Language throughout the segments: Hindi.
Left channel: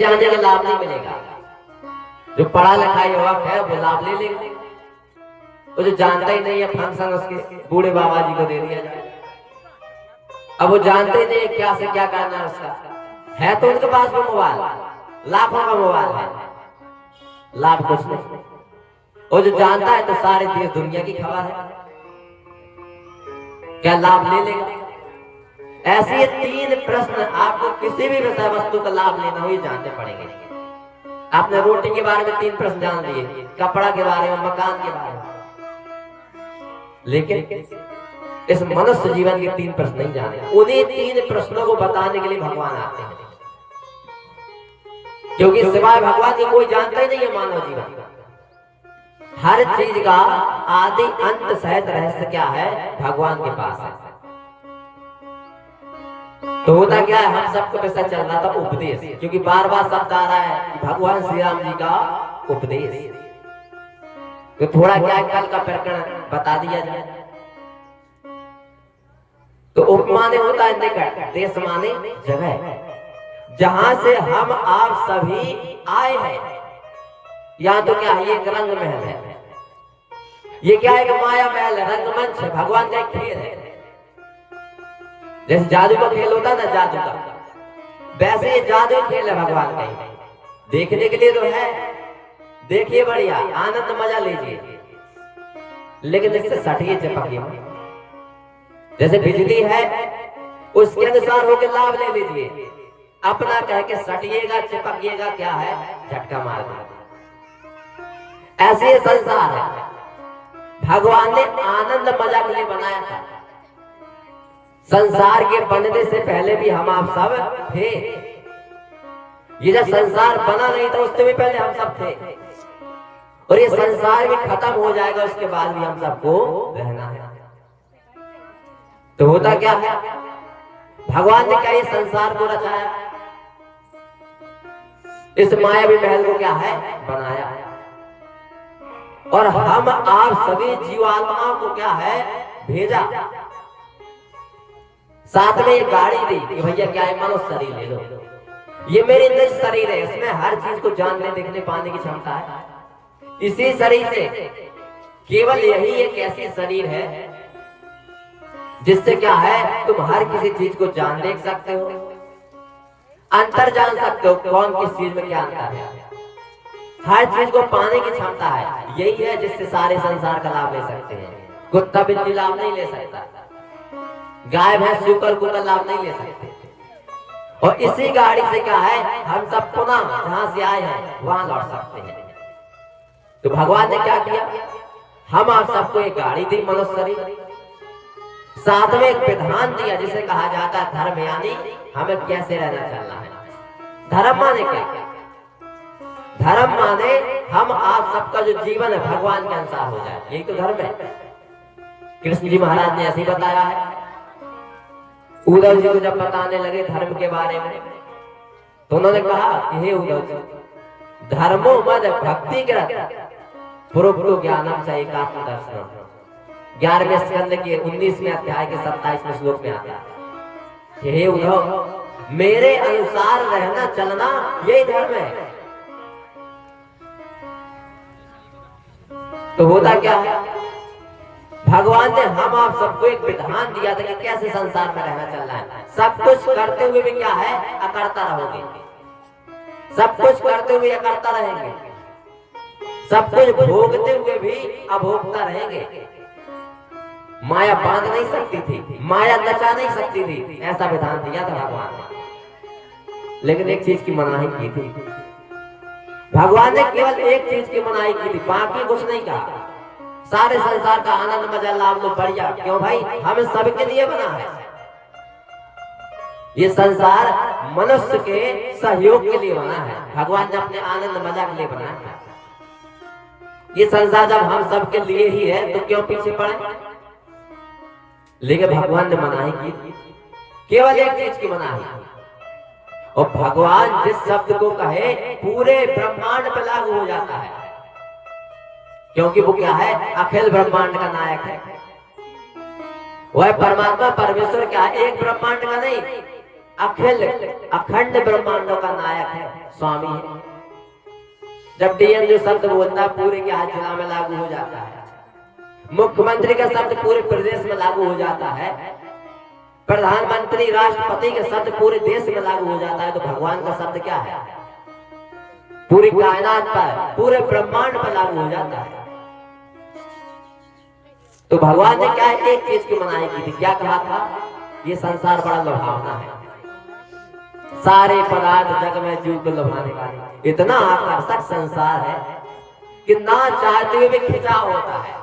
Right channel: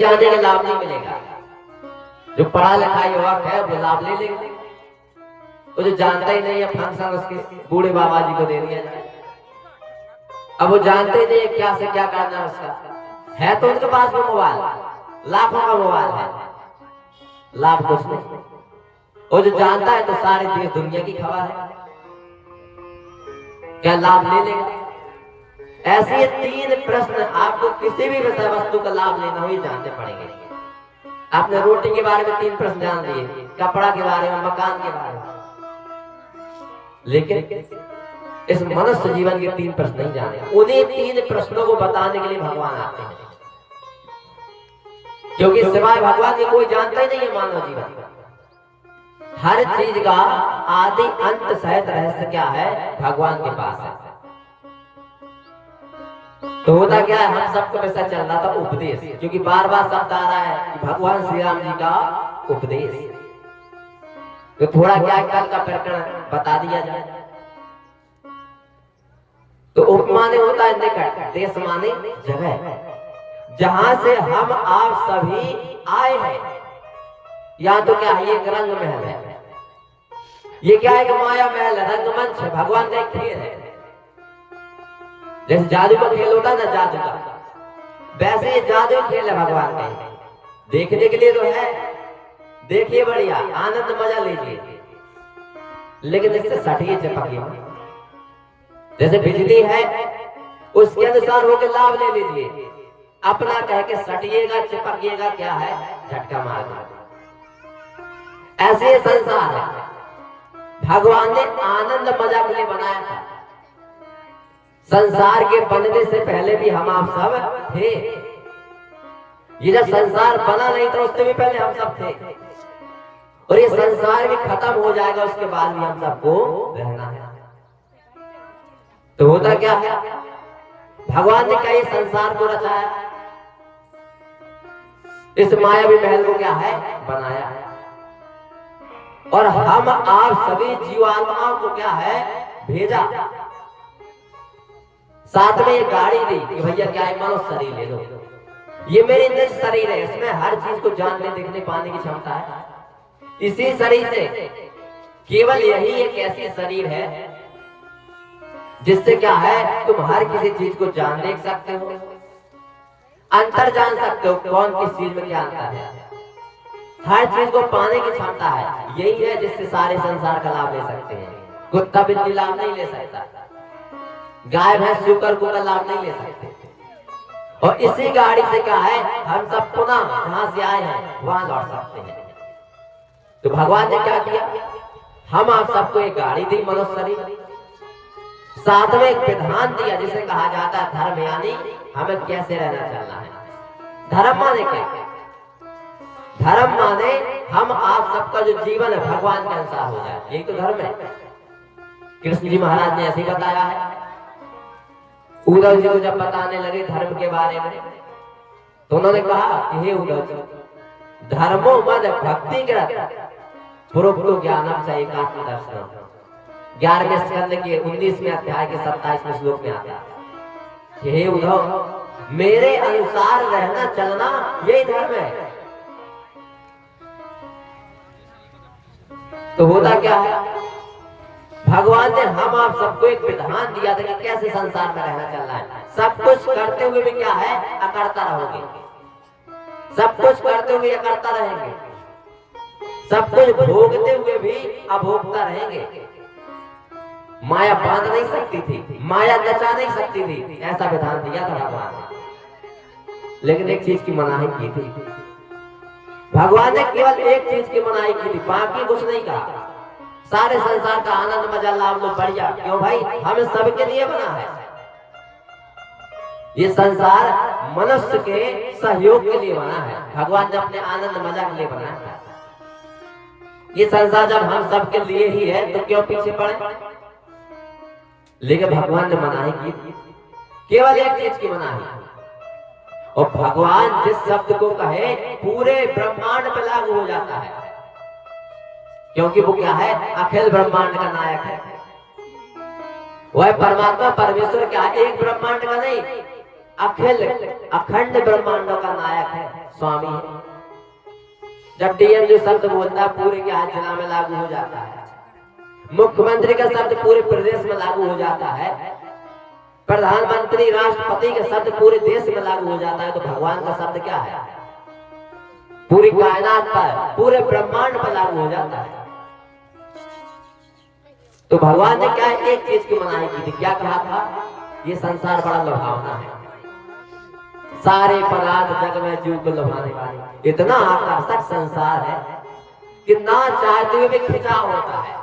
जाने का लाभ नहीं मिलेगा। जो पढ़ा लिखा युवक है वो लाभ ले लेगा, वो जो जानता ही नहीं है फंक्शन उसके बूढ़े बाबा जी को दे दिया जाए। अब वो जानते ही नहीं क्या से क्या करना है उसका। है तो उनके पास वो मोबाइल, लाखों का मोबाइल है, लाभ कुछ नहीं। वो जो जानता है तो सारे देश दुनिया की खबर है, क्या लाभ ले लेगा। ऐसे 3 प्रश्न आपको किसी भी विषय वस्तु का लाभ लेना हो ये जानते पड़ेंगे। आपने रोटी के बारे में 3 प्रश्न जान लिए, कपड़ा के बारे में, मकान के बारे में, लेकिन इस मनुष्य जीवन के 3 प्रश्न नहीं जाने। उन्हीं 3 प्रश्नों को बताने के लिए भगवान आते हैं, क्योंकि सिवाय भगवान के कोई जानता ही नहीं है मानव जीवन। हर चीज का आदि अंत सहित रहस्य क्या है, भगवान के पास है। तो होता क्या है, हम सबको कैसा चल रहा था उपदेश, क्योंकि बार बार शब्द आ रहा है कि भगवान श्री राम जी का उपदेश। तो थोड़ा क्या कल का प्रकरण बता दिया जाए। तो उप माने होता है निकट, देश माने जगह, जहां से हम आप सभी आए हैं। या तो क्या है, ये एक रंग महल है, ये क्या है कि माया महल है, रंगमंच है, भगवान का एक खेल है। जैसे जादू का खेल होता है ना, जादू का, वैसे ये जादू खेल है भगवान का। देखने के लिए तो है, देखिए बढ़िया आनंद मजा लीजिए, लेकिन इससे सटिए चिपकिए। जैसे बिजली है उसके अनुसार होकर लाभ ले लीजिए, अपना कह के सटिएगा चिपकिएगा क्या है, झटका मार देगा। ऐसे संसार है, भगवान ने आनंद मजा के लिए बनाया था। संसार के बनने से पहले भी हम आप सब थे। ये जब संसार बना नहीं था उससे भी पहले हम सब थे, और ये संसार भी खत्म हो जाएगा उसके बाद भी हम सबको रहना है। तो होता क्या है, भगवान ने क्या ये संसार को रचाया, इस मायावी महल को क्या है बनाया, और हम आप सभी जीवात्माओं को क्या है भेजा। साथ में एक गाड़ी दी कि भैया क्या है, मनुष्य शरीर ले लो, ये मेरी निज शरीर है, इसमें हर चीज को जानने देखने पाने की क्षमता है। इसी शरीर से केवल यही एक ऐसी शरीर है जिससे क्या है तुम हर किसी चीज को जान देख सकते हो, अंतर जान सकते हो, कौन किस चीज में क्या अंतर है, हर चीज को पाने की क्षमता है। यही है जिससे सारे संसार का लाभ ले सकते हैं। कुत्ता बिल्ली लाभ नहीं ले सकता, गाय भैंस शुकर को लाभ नहीं ले सकते। और इसी गाड़ी से क्या है, हम सब पुनः जहां से आए हैं वहां लौट सकते हैं। तो भगवान ने क्या किया, हम आप सबको एक गाड़ी दी, मनुष्य शरीर, साथ में एक विधान दिया जिसे कहा जाता है धर्म, यानी हमें कैसे रहना चलना है। धर्म माने क्या, धर्म माने हम आप सबका जो जीवन है भगवान के अनुसार हो जाए, यही तो धर्म है। कृष्ण जी महाराज ने ऐसे बताया है। उद्धव जी को जब बताने लगे धर्म के बारे में तो उन्होंने कहा, हे उद्धव जी, धर्मो मद भक्ति कृत पुरुषो ज्ञानम च एकात्म दर्शनम। 11वें स्कंद के 19वें अध्याय के 27वें श्लोक में आता है, हे उद्धव, मेरे अनुसार रहना चलना यही धर्म है। तो होता क्या है, भगवान ने हम आप सबको एक विधान दिया था कि कैसे संसार में रहना चलना है। सब कुछ करते हुए भी क्या है, अकर्ता रहोगे, सब कुछ करते हुए अकर्ता रहेंगे, सब कुछ भोगते हुए भी अभोक्ता रहेंगे। माया बांध नहीं सकती थी, माया नचा नहीं सकती थी, ऐसा विधान दिया था भगवान ने। लेकिन एक चीज की मनाही की थी भगवान ने, केवल एक चीज की मनाही की थी, बाकी कुछ नहीं कहा। सारे संसार का आनंद मजा लाभ लो, बढ़िया, क्यों भाई, हमें सबके लिए बना है। ये संसार मनुष्य के सहयोग के लिए बना है, भगवान ने अपने आनंद मजा के लिए बनाया है। ये संसार जब हम सबके लिए ही है तो क्यों पीछे पड़े। लेकिन भगवान ने मनाही की, केवल एक चीज की मनाही, और भगवान जिस शब्द को कहे पूरे ब्रह्मांड पर लागू हो जाता है, क्योंकि वो क्या है, अखिल ब्रह्मांड का नायक है। वह परमात्मा परमेश्वर क्या है, एक ब्रह्मांड का नहीं, अखिल अखंड ब्रह्मांडों का नायक है, स्वामी है। जब डीएम जो शब्द बोलता है पूरे के हाथ जिला में लागू हो जाता है, मुख्यमंत्री का शब्द पूरे प्रदेश में लागू हो जाता है, प्रधानमंत्री राष्ट्रपति का शब्द पूरे देश में लागू हो जाता है, तो भगवान का शब्द क्या है? पूरी कायनात पर, पूरे ब्रह्मांड पर लागू हो जाता है। तो भगवान ने क्या एक चीज की मनाही की थी, क्या कहा था? ये संसार बड़ा लुभावना है, सारे पदार्थ जग में जीव को लुभाने वाले, इतना आकर्षक संसार है कि ना चाहते हुए भी खिंचाव होता है।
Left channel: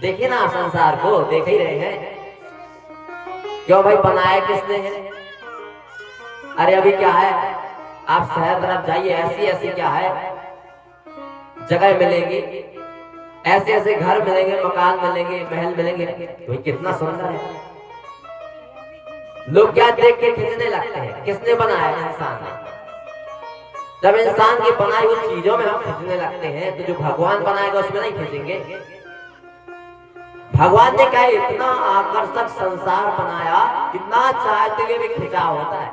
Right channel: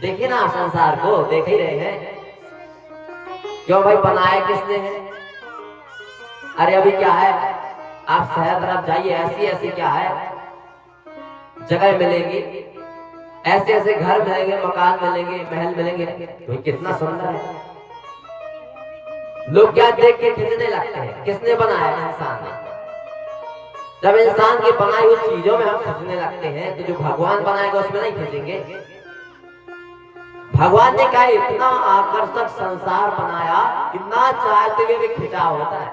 देखिए ना आप संसार को, देख ही रहे हैं। क्यों भाई, बनाया किसने है? अरे अभी क्या है, आप शहर तरफ जाइए, ऐसी ऐसी क्या है जगह मिलेगी, ऐसे ऐसे घर मिलेंगे, मकान मिलेंगे, महल मिलेंगे, तो कितना सुंदर है। लोग क्या देख के खींचने लगते हैं? किसने बनाया? इंसान ने। जब इंसान की बनाई हुई चीजों में हम खींचने लगते हैं, तो जो भगवान बनाएगा उसमें नहीं खींचेंगे। भगवान ने कहा इतना आकर्षक संसार बनाया कि ना चाहते हुए भी खिंचाव होता है,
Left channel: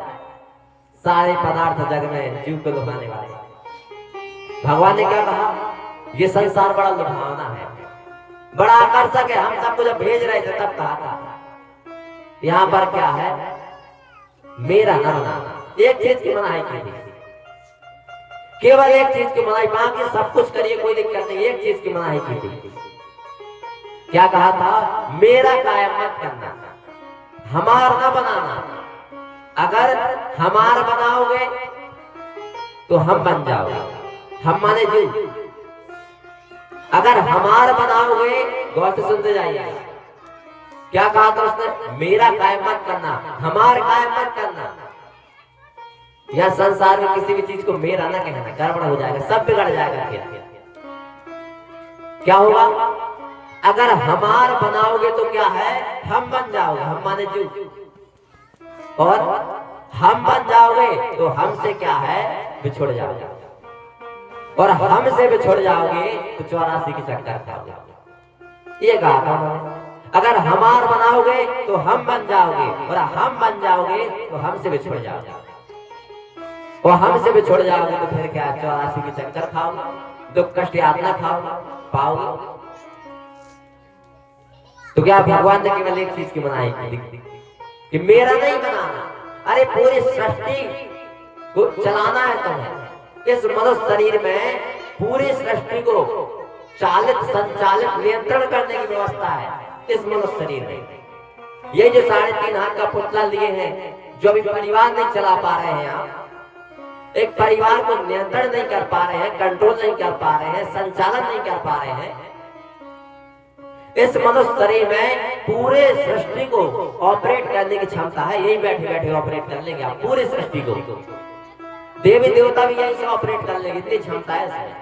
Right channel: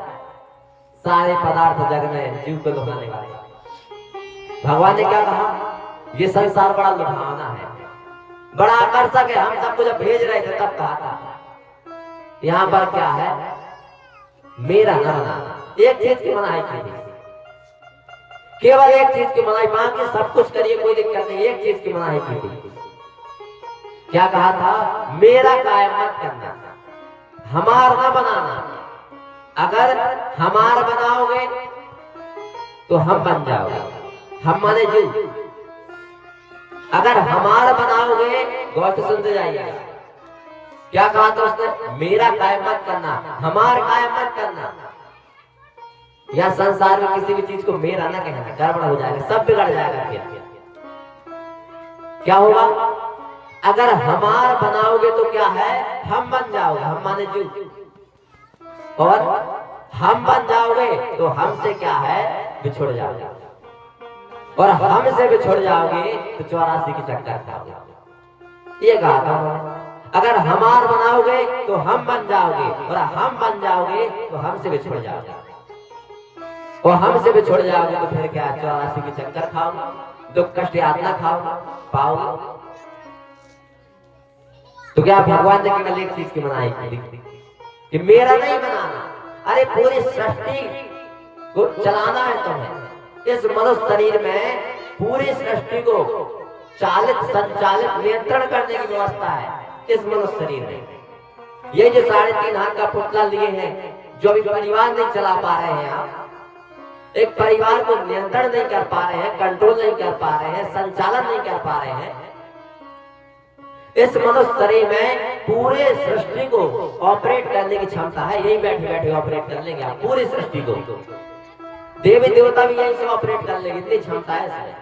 सारे पदार्थ जग में जीव को लुभाने वाले। भगवान ने क्या कहा? ये संसार बड़ा लुभावना है, बड़ा आकर्षक है। हम सबको जब भेज रहे थे तब कहा था यहाँ पर क्या है, मेरा ना बनाना। एक चीज की मनाही की थी, केवल एक चीज की मनाही, बाकी सब कुछ करिए कोई दिक्कत नहीं, एक चीज की मनाही की थी। क्या कहा था? मेरा कायम मत करना, हमार ना बनाना। अगर हमार बनाओगे तो हम बन जाओगे, हम माने जीव। अगर हमार बनाओगे, गौर से सुनते जाइए, क्या कहा था उसने? मेरा कायम मत करना, हमार कायम मत करना। यह संसार में किसी भी चीज को मेरा ना कहना, गड़बड़ हो जाएगा, सब बिगड़ जाएगा। फिर क्या होगा? अगर हमार बनाओगे तो क्या है, हम बन जाओगे, हम माने जीव, और हम बन जाओगे तो हमसे क्या है, बिछुड़ जाओगे, और हमसे बिछुड़ जाओगे तो 84 की चक्कर खाओगे। ये कहा था। अगर हमार बनाओगे तो हम बन जाओगे, और हम बन जाओगे तो हमसे बिछुड़ जाओगे, और हमसे बिछुड़ जाओगे तो फिर क्या, 84 की चक्कर खाओगे, दुख कष्ट यातना पाओगे। तो क्या भगवान ने केवल एक चीज की मनाही की कि मेरा नहीं बनाना। अरे पूरी सृष्टि को चलाना है तुम्हें। इस मनुष्य शरीर में पूरी सृष्टि को चालित, संचालित, नियंत्रण करने की व्यवस्था है इस मनुष्य शरीर में। ये जो 3.5 हाथ का पुतला लिए हैं, जो भी परिवार नहीं चला पा रहे हैं, आप एक परिवार को नियंत्रण नहीं कर पा रहे हैं, कंट्रोल नहीं कर पा रहे हैं, संचालन नहीं कर पा रहे हैं। इस मनुष्य शरीर में पूरे सृष्टि को ऑपरेट करने की क्षमता है। यही बैठे बैठे ऑपरेट कर लेंगे आप पूरी सृष्टि को, देवी देवता भी यहीं से ऑपरेट कर लेंगे, इतनी क्षमता है इसमें,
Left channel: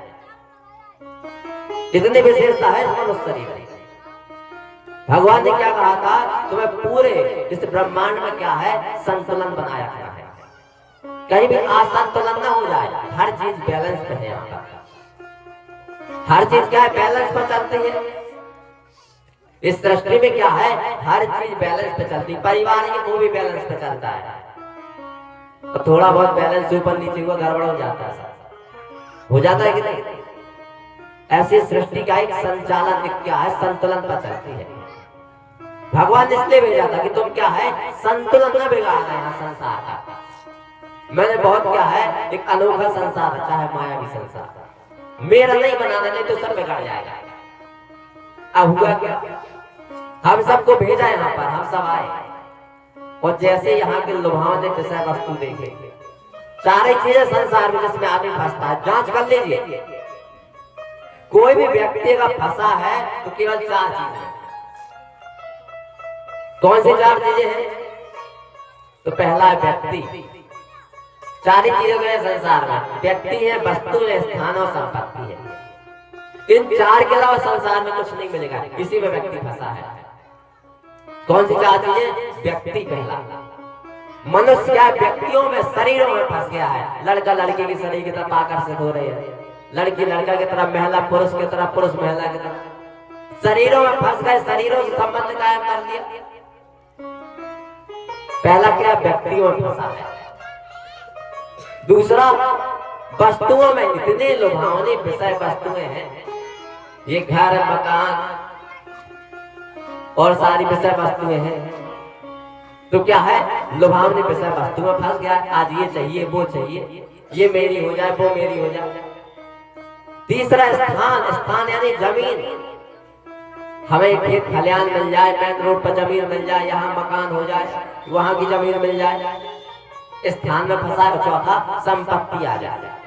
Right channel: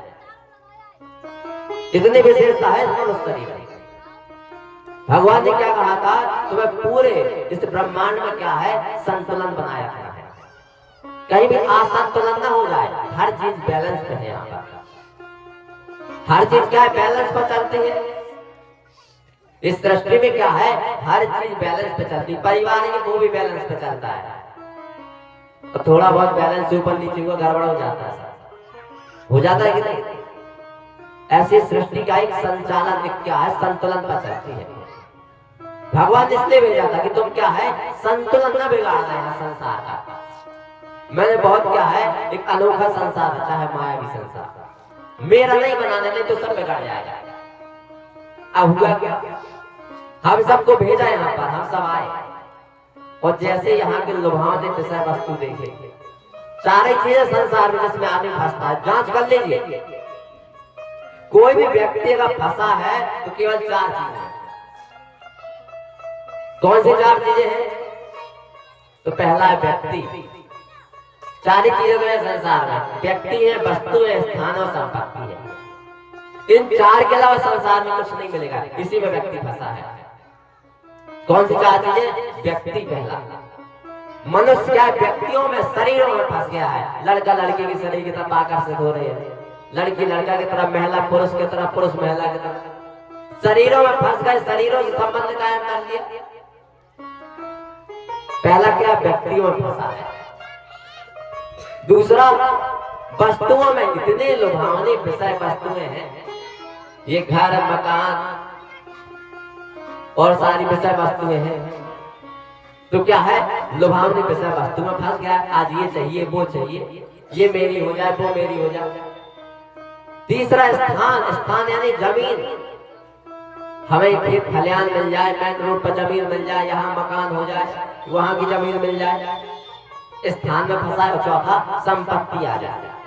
इतनी विशेषता है इस मनुष्य शरीर में। भगवान ने क्या कहा था? तुम्हें पूरे इस ब्रह्मांड में क्या है, संतुलन बनाया गया है, कहीं भी असंतुलन ना हो जाए। हर चीज बैलेंस पे है यहाँ पर, हर चीज क्या है, बैलेंस पर चलती है। इस सृष्टि में क्या है, हर चीज बैलेंस पे चलती है। परिवार है वो भी बैलेंस पे चलता है, तो थोड़ा बहुत बैलेंस ऊपर नीचे हुआ गड़बड़ हो जाता है, हो जाता है कि नहीं? ऐसी सृष्टि का एक संचालन क्या है, संतुलन पर चलती है। भगवान इसलिए भेजा था कि तुम क्या है, संतुलन न बिगाड़ रहे हैं संसार का। मैंने बहुत क्या है, एक अनोखा संसार रचा है, माया की संसार। मेरा नहीं बनाना, नहीं तो सब बिगड़ जाएगा। अब हुआ क्या, हम सबको भेजा यहाँ पर, हम सब आए, और जैसे यहाँ के लुभावने विषय वस्तु देखे, सारी चीजें संसार में जिसमें आदमी फंसता है, जांच कर लीजिए। कोई भी व्यक्ति अगर फंसा है तो केवल 4 चीजें। कौन सी 4 चीजें हैं? तो पहला है व्यक्ति। 4 ही चीजें हैं संसार में, व्यक्ति है, वस्तु है, स्थान और संपत्ति है। इन 4 के अलावा संसार में कुछ नहीं मिलेगा, इसी में व्यक्ति फंसा है। कौन सी 4 चीजें? व्यक्ति पहला। मनुष्य क्या व्यक्तियों में, शरीरों में फंस गया है। लड़का लड़की की शरीर की तरफ आकर्षित हो रही है, लड़की लड़का की तरफ, महिला पुरुष की तरफ, पुरुष महिला की तरफ, शरीरों में फंस गए, शरीरों से संबंध कायम कर लिया। पहला क्या, व्यक्तियों में फंसा है। दूसरा, वस्तुओं में इतने लुभावनी विषय वस्तुएं हैं, ये घर मकान और सारी विषय वस्तुएं हैं, तो क्या है, लुभावनी विषय वस्तु में फंस गया। आज ये चाहिए, वो चाहिए, ये मेरी हो जाए, वो मेरी हो जाए। तीसरा, स्थान, स्थान यानी जमीन, हमें खेत खलियान मिल जाए, मेन रोड पर जमीन मिल जाए, यहाँ मकान हो जाए, वहां की जमीन मिल जाए, स्थान में फंसा है। चौथा, संपत्ति आ जाए,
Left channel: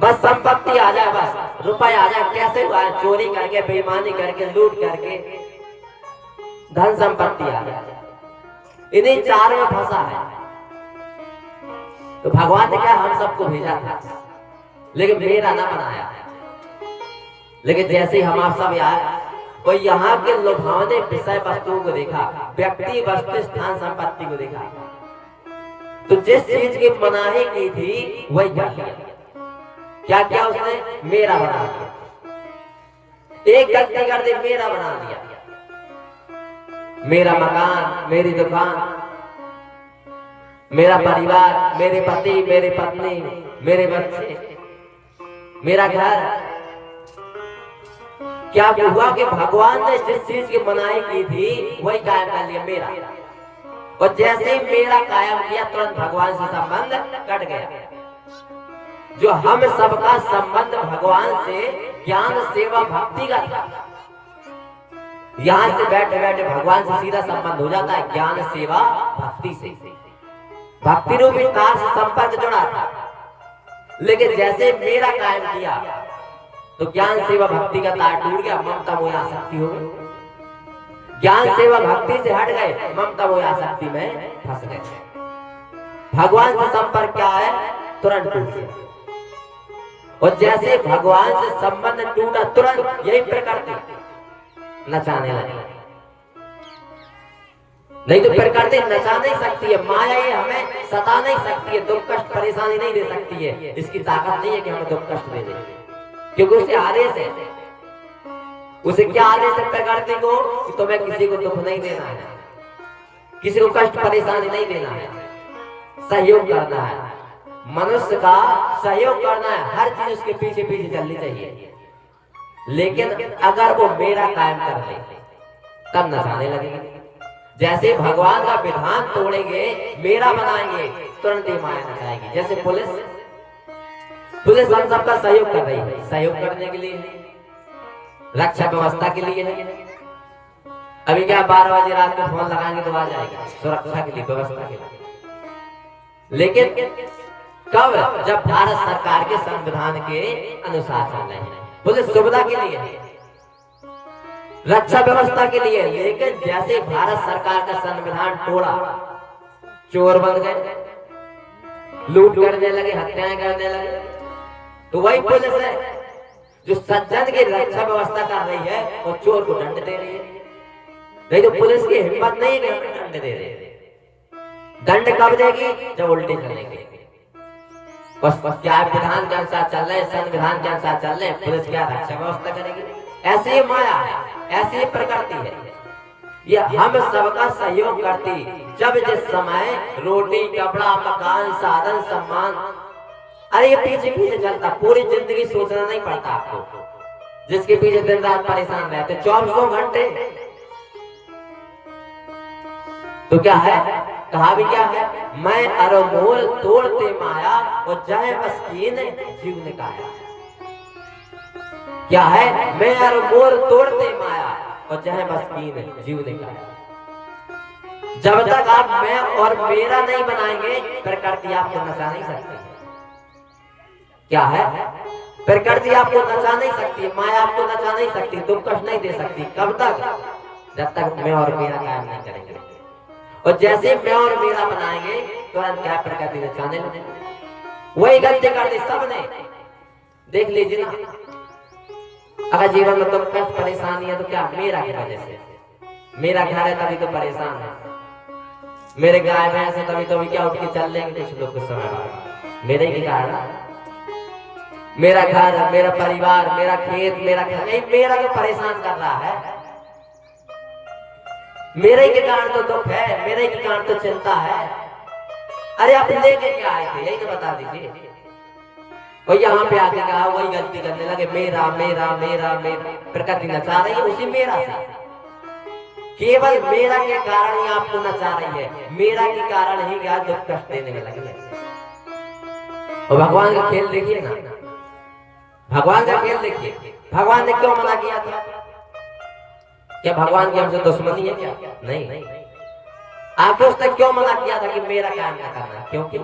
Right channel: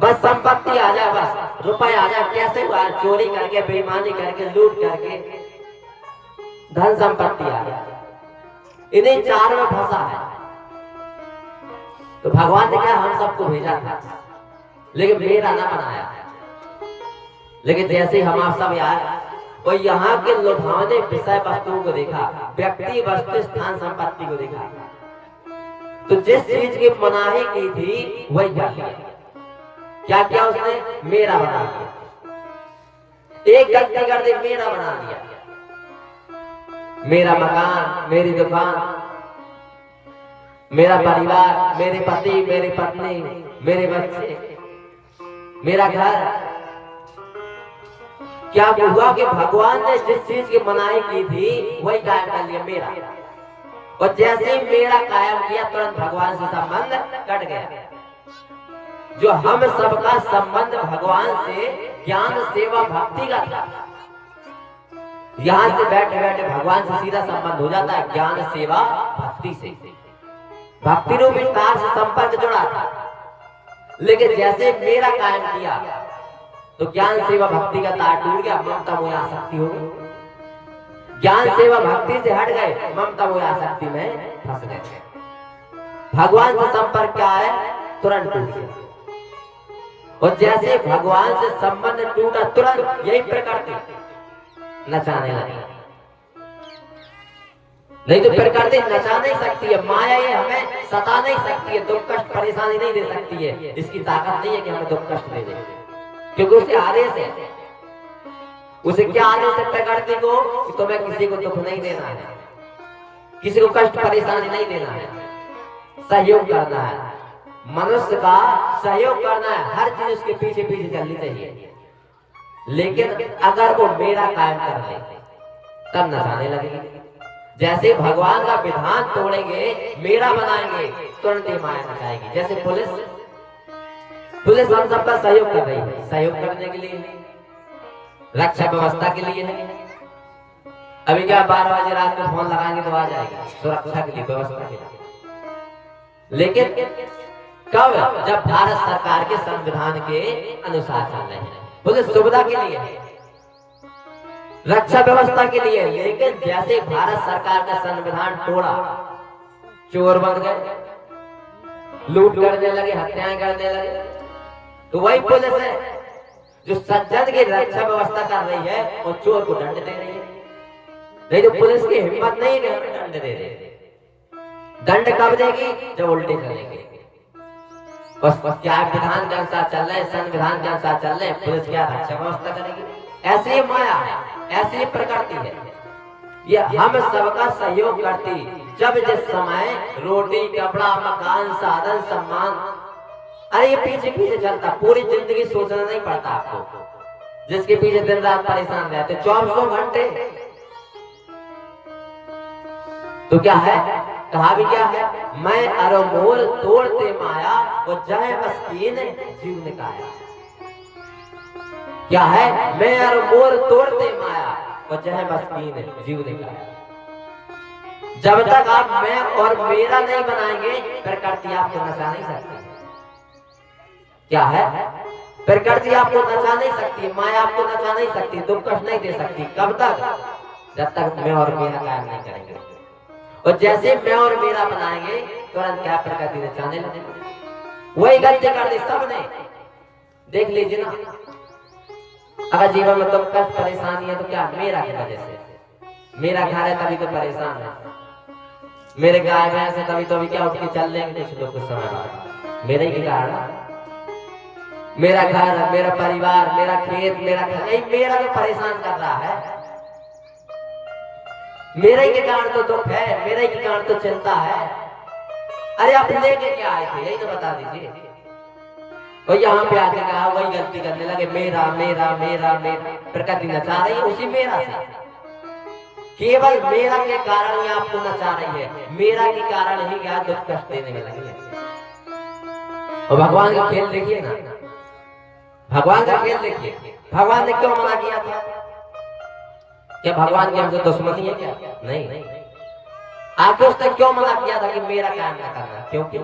बस संपत्ति आ जाए, बस रुपए आ जाए, कैसे हुआ, चोरी करके, बेईमानी करके, लूट करके धन संपत्ति आ जाए, इन्हीं चार में फंसा है। तो भगवान ने क्या हम सबको भेजा था, लेकिन मेरा ना बनाया। लेकिन जैसे हम आप सब आए और यहाँ के लुभावने विषय वस्तुओं को देखा, व्यक्ति वस्तु स्थान संपत्ति को देखा, तो जिस चीज की मनाही की थी वही कर लिया। क्या क्या उसने, मेरा बना दिया। एक गलती कर दी, मेरा बना दिया। मेरा मकान, मेरी दुकान, मेरा परिवार, मेरे पति, मेरी पत्नी, मेरे बच्चे, मेरा घर। क्या हुआ कि भगवान ने जिस चीज की मनाही की थी वही कायम कर लिया, मेरा। और जैसे ही मेरा कायम किया, तुरंत भगवान से संबंध कट गया। जो हम सबका संबंध भगवान से ज्ञान सेवा भक्ति का था, यहाँ से बैठे बैठे भगवान से सीधा संबंध हो जाता है, ज्ञान सेवा भक्ति से। भक्ति रूपी तार से संपर्क जुड़ा था, लेकिन जैसे मेरा कायम किया तो ज्ञान सेवा भक्ति का तार टूट गया, ममता मोह आसक्ति हो गई। ज्ञान सेवा भक्ति से हट गए, ममता मोह आसक्ति में फंस गए। भगवान से संपर्क क्या है, तुरंत टूट गया। और जैसे भगवान से संबंध टूटा, तुरंत यही प्रकृति नचाने लगी। नहीं तो प्रकृति नचा नहीं सकती है, माया ही हमें सता नहीं सकती है, दुख कष्ट परेशानी नहीं दे सकती है। इसकी ताकत नहीं है कि हमें दुख कष्ट दे दे, क्योंकि उसके आदेश है। उसे क्या आदेश है प्रकृति को, कि तुम्हें किसी को दुख नहीं देना है, किसी को कष्ट परेशानी नहीं देना है, सहयोग करना है। मनुष्य का सहयोग करना है, हर चीज उसके पीछे पीछे चलनी चाहिए। लेकिन अगर वो मेरा कायम कर ले, तब नचाने लगेगी। जैसे भगवान का विधान तोड़ेंगे, मेरा बनाएंगे, तुरंत ही माया नचाएगी। जैसे पुलिस हम सबका सहयोग कर रही है, सहयोग करने के लिए, रक्षा व्यवस्था के लिए है। अभी क्या 12 बजे रात को फोन लगाएंगे तो आ जाएगी, सुरक्षा के लिए, व्यवस्था के लिए। लेकिन कब, जब भारत सरकार के संविधान के अनुसार चल रहे हैं। पुलिस सुविधा के लिए है, रक्षा व्यवस्था के लिए। लेकिन जैसे भारत सरकार का संविधान तोड़ा, चोर बन गए, लूट करने लगे, हत्याएं करने लगे, तो वही पुलिस है जो सज्जन की रक्षा व्यवस्था कर रही है और चोर को दंड दे रही है। नहीं तो पुलिस की हिम्मत नहीं है दंड दे रही। दंड कब देगी, जब उल्टे चलेंगे। बस क्या विधान के अनुसार चल रहे, संविधान के अनुसार चल रहे, पुलिस क्या रक्षा व्यवस्था करेगी। ऐसी ही माया है, ऐसी प्रकृति है। ये हम सबका सहयोग करती, जब जिस समय रोटी कपड़ा मकान साधन सम्मान, अरे ये पीछे पीछे चलता, पूरी जिंदगी सोचना नहीं पड़ता आपको। जिसके पीछे दिन रात परेशान रहते 24 घंटे, तो क्या है, कहा भी क्या है, मैं अरोमोल तोड़ते माया और जय मस्कीन जीव ने कहा। क्या है, मैं अरोमोल तोड़ते माया और जय मस्कीन जीव ने कहा। जब तक आप मैं और मेरा नहीं बनाएंगे, प्रकृति आपको नचा नहीं सकती। क्या है, प्रकृति आपको नचा नहीं सकती, माया आपको नचा नहीं सकती, दुख कष्ट नहीं दे सकती। कब तक, जब तक मैं और मेरा काम नहीं करेंगे। और जैसे मैं और मेरा बनाएंगे, तुरंत क्या प्रकृति नचाने लगेगी। वही गलती कर दी सबने, देख लीजिए ना। अगर जीवन में दुख कष्ट परेशानी है तो क्या, मेरा की वजह से। मेरा घर है तभी तो परेशान है, मेरे गाय भैंस है तभी तो अभी क्या उठ के चल लेंगे कुछ लोग कुछ समय बाद। मेरे ही कारण, मेरा घर, मेरा परिवार, मेरा खेत, मेरा घर, नहीं मेरा जो परेशान कर रहा है, मेरे के कारण तो दुख है, मेरे के कारण तो चिंता है। अरे आप लेके क्या आए थे, यही तो बता दीजिए। वही यहाँ पे आके कहा, वही गलती करने लगे, मेरा मेरा मेरा मेरा। प्रकृति नचा रही है उसी मेरा से, केवल मेरा के कारण ही आपको नचा रही है, मेरा के कारण ही क्या दुख कष्ट देने में लगी है। और भगवान का खेल देखिए ना, भगवान का खेल देखिए। भगवान ने क्यों मना किया था? क्या भगवान की हमसे दुश्मनी है क्या? नहीं। आखिर उसने क्यों मना किया था कि मेरा कायम न करना? क्योंकि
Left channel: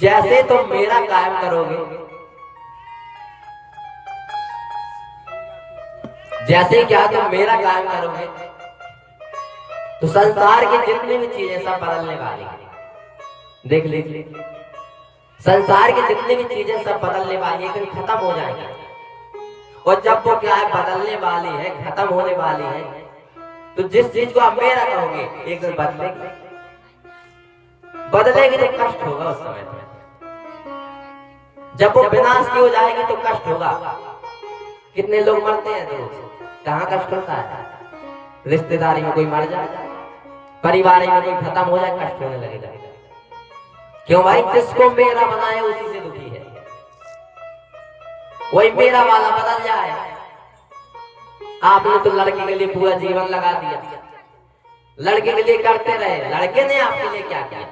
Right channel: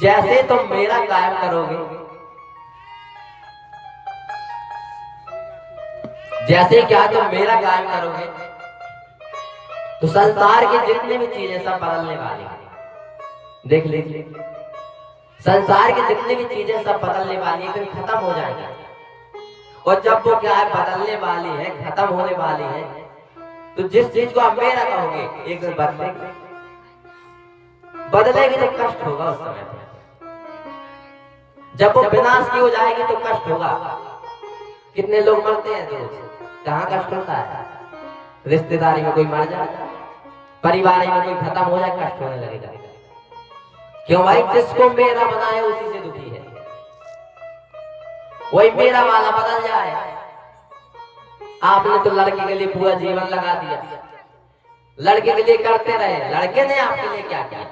जैसे तुम मेरा कायम करोगे, जैसे क्या तुम मेरा कायम करोगे, तो संसार की जितनी भी चीजें सब बदलने वाली है। देख लीजिए, संसार की जितनी भी चीजें सब बदलने वाली है, खत्म हो जाएंगी। और जब वो क्या है बदलने वाली है, खत्म होने वाली है, तो जिस चीज को आप मेरा कहोगे एक दिन बदलेगी, बदलेगी तो कष्ट होगा उस समय पर। जब वो विनाश की हो जाएगी तो कष्ट होगा। कितने लोग मरते हैं रोज, कहाँ कष्ट होता है? रिश्तेदारी में कोई मर जाए, परिवार में कोई खत्म हो जाए, कष्ट होने लगेगा। क्यों भाई? जिसको मेरा बनाए उसी से दुखी है। वही मेरा वाला बदल जाए। आपने तो लड़के के लिए पूरा जीवन लगा दिया, लड़के के लिए करते रहे, लड़के ने आपके लिए क्या किया?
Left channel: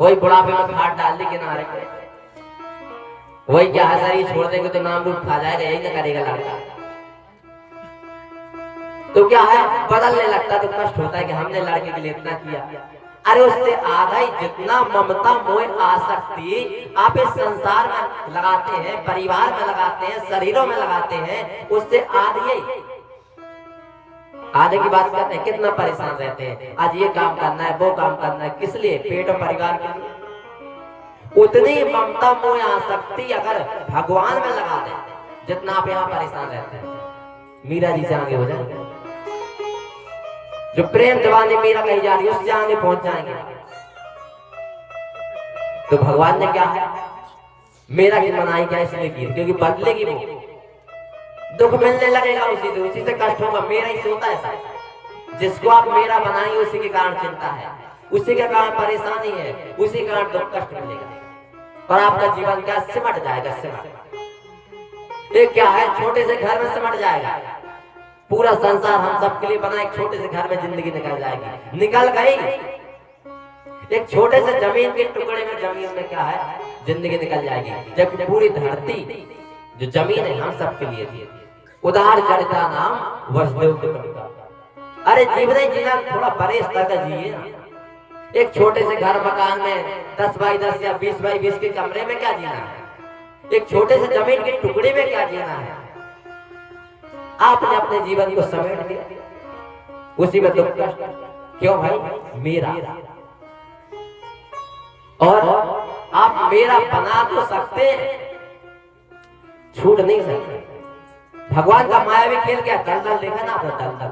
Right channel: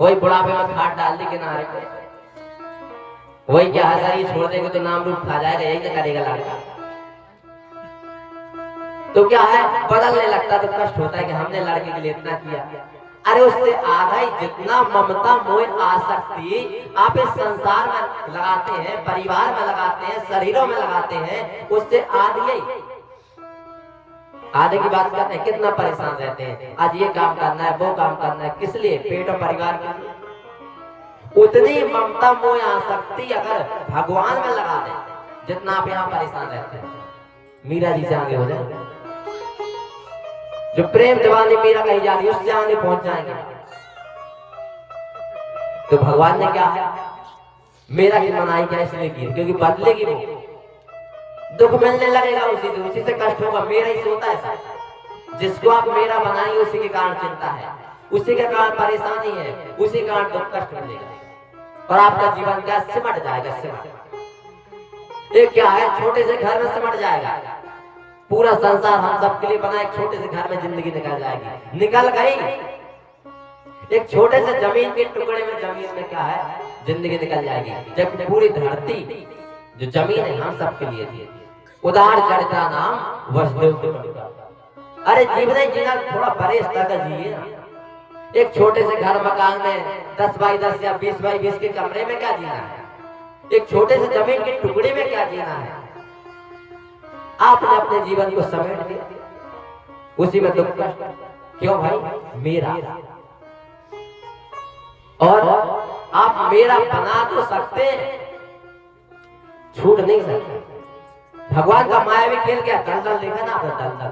वही बुढ़ापे में खाट डाल दी किनारे पे, वही क्या है शरीर छोड़ देंगे तो नाम रूप खा जाएगा, यही ना करेगा लड़का। तो क्या है बदलने लगता तो कष्ट होता है कि हमने लड़के के लिए इतना किया। अरे उससे आधा ही जितना ममता मोह आसक्ति आप इस संसार में लगाते हैं, परिवार में लगाते हैं, शरीरों में लगाते हैं, उससे आधे की बात करते हैं। कितना परेशान रहते हैं, आज ये काम करना है, वो काम करना है, किस लिए? पेट और परिवार के लिए। उतनी ममता मोह आसक्ति अगर भगवान में लगा दे जितना आप यहाँ परेशान रहते हैं, मीरा जी से आगे हो जाए। जो प्रेम दीवानी मीरा कही जा रही है उससे आगे पहुंच जाएंगे। तो भगवान ने क्या है मेरा की मनाई क्या इसलिए की? क्योंकि बदलेगी वो, दुख मिलने लगेगा उसी से कष्ट होगा। मेरा ही से होता है, जिसको आप मेरा बनाएंगे उसी के कारण चिंता है, उसी के कारण परेशानी है, उसी के कारण दुख कष्ट मिलेगा। और आपका जीवन क्या सिमट जाएगा, सिमट। एक क्या है छोटे से घर में सिमट जाएगा। पूरा संसार हम सबके लिए बना, एक छोटे से घर में जिंदगी निकल जाएगी, निकल गई। एक छोटे से जमीन के टुकड़े में, जमीन में क्या है जिंदगी निकल जाएगी, जबकि पूरी धरती जो जमीन है हम सबके लिए थी। उदार चरिता नाम वसुदेव के प्रभु। अरे जीवन जीना थोड़ा बड़े स्तर का जिए ना। एक छोटे से घर मकान में 10 बाई 10 या 20 बाई 20 के कमरे में क्या जीना है? एक छोटे से जमीन के टुकड़े में क्या जीना है? आपने अपने जीवन को समेट दिया, उसी में दुख कष्ट। क्यों भाई? मेरा। और आप मेरा बना तो सकते हैं, छूट नहीं सकते। भगवान का मायावी खेल क्या? दलदल देखा ना आपने? दलदल,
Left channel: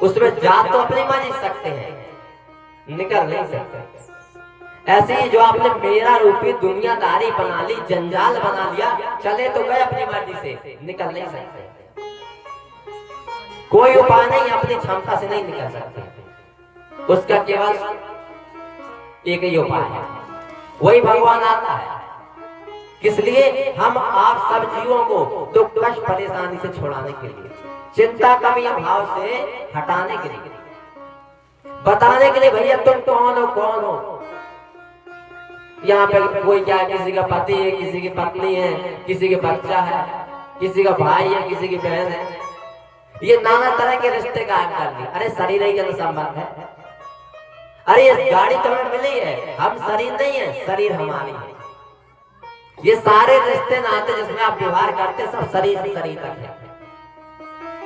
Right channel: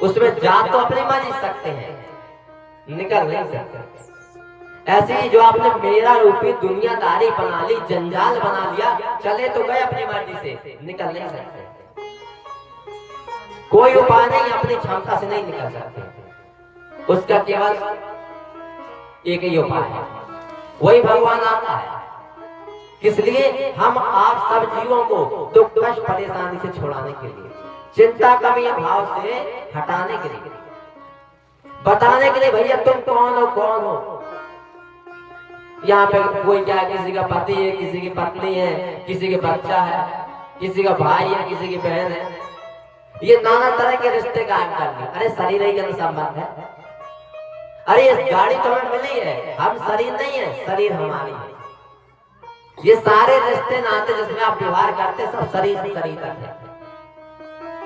उसमें जा तो अपनी मर्जी सकते हैं, निकल नहीं सकते। ऐसे ही जो आपने मेरा रूपी दुनियादारी बना ली, जंजाल बना लिया, चले तो गए अपनी मर्जी से, निकल नहीं सकते। कोई उपाय नहीं, अपनी क्षमता से नहीं निकल सकते। उसका केवल एक ही उपाय है, वही भगवान आता है। किस लिए? हम आप सब जीवों को दुख कष्ट परेशानी से छुड़ाने के लिए, चिंता कमी भाव से हटाने के लिए, बताने के लिए भैया तुम कौन हो, कौन हो। यहाँ पे कोई क्या, किसी का पति है, किसी की पत्नी है, किसी का बच्चा है, किसी का भाई है, किसी की बहन है, ये नाना तरह के रिश्ते कायम कर लिए। अरे शरीर ही का संबंध है। अरे ये गाड़ी तो हमें मिली है, हम शरीर नहीं है, शरीर हमारी है। ये सारे रिश्ते नाते जिसमें आप व्यवहार करते सब शरीर से शरीर तक है।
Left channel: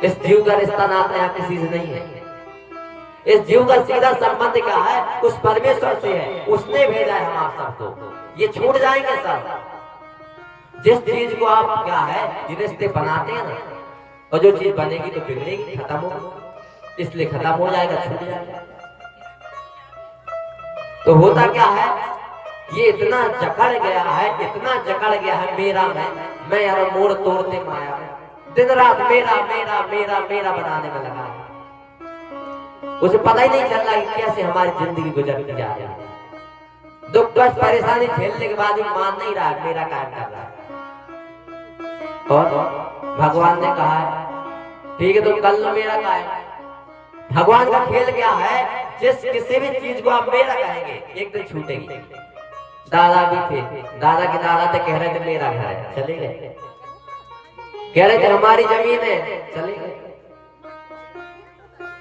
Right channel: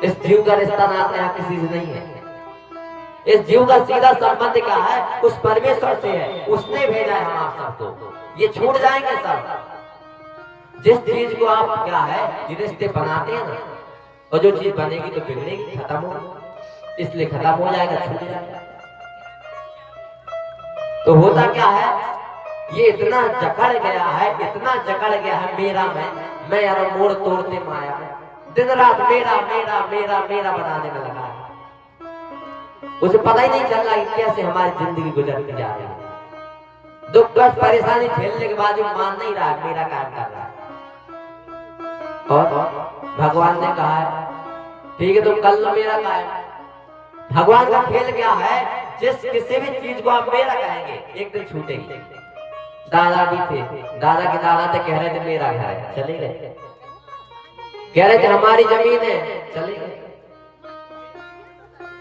इस जीव का रिश्ता नाता यहाँ किसी से नहीं है। इस जीव का सीधा संबंध क्या है? उस परमेश्वर से है, उसने भेजा है हम आप सबको। ये छूट जाएंगे सब। जिस चीज को आप क्या है रिश्ते बनाते हैं ना, और जो चीज बनेगी तो बिगड़ेगी, खत्म होगा, इसलिए खत्म हो जाएगा, छूट जाएगा। तो होता क्या है, ये इतना जकड़ गया है, इतना जकड़ गया है मेरा मैं यार मोड़ तोड़ते माया, दिन रात मेरा मेरा मेरा मेरा बनाने में लगा है। उसे पता ही नहीं चल रहा कि कैसे हमारी जिंदगी गुजरती जा रही है। दुख कष्ट परेशानी झेलने के बाद भी मान नहीं रहा मेरा काम कर रहा है। और भगवान ने कहा है ठीक है तुम कर लो मेरा काम। भगवान का खेल क्या है, जिस किसी भी चीज को आप मेरा कहेंगे एक दिन छूटेगी। दादा भी थे, दादा के दादा थे, कह रहे थे मेरा घर है, चले गए। कह रहे थे हमारी जमीन है, चले गए।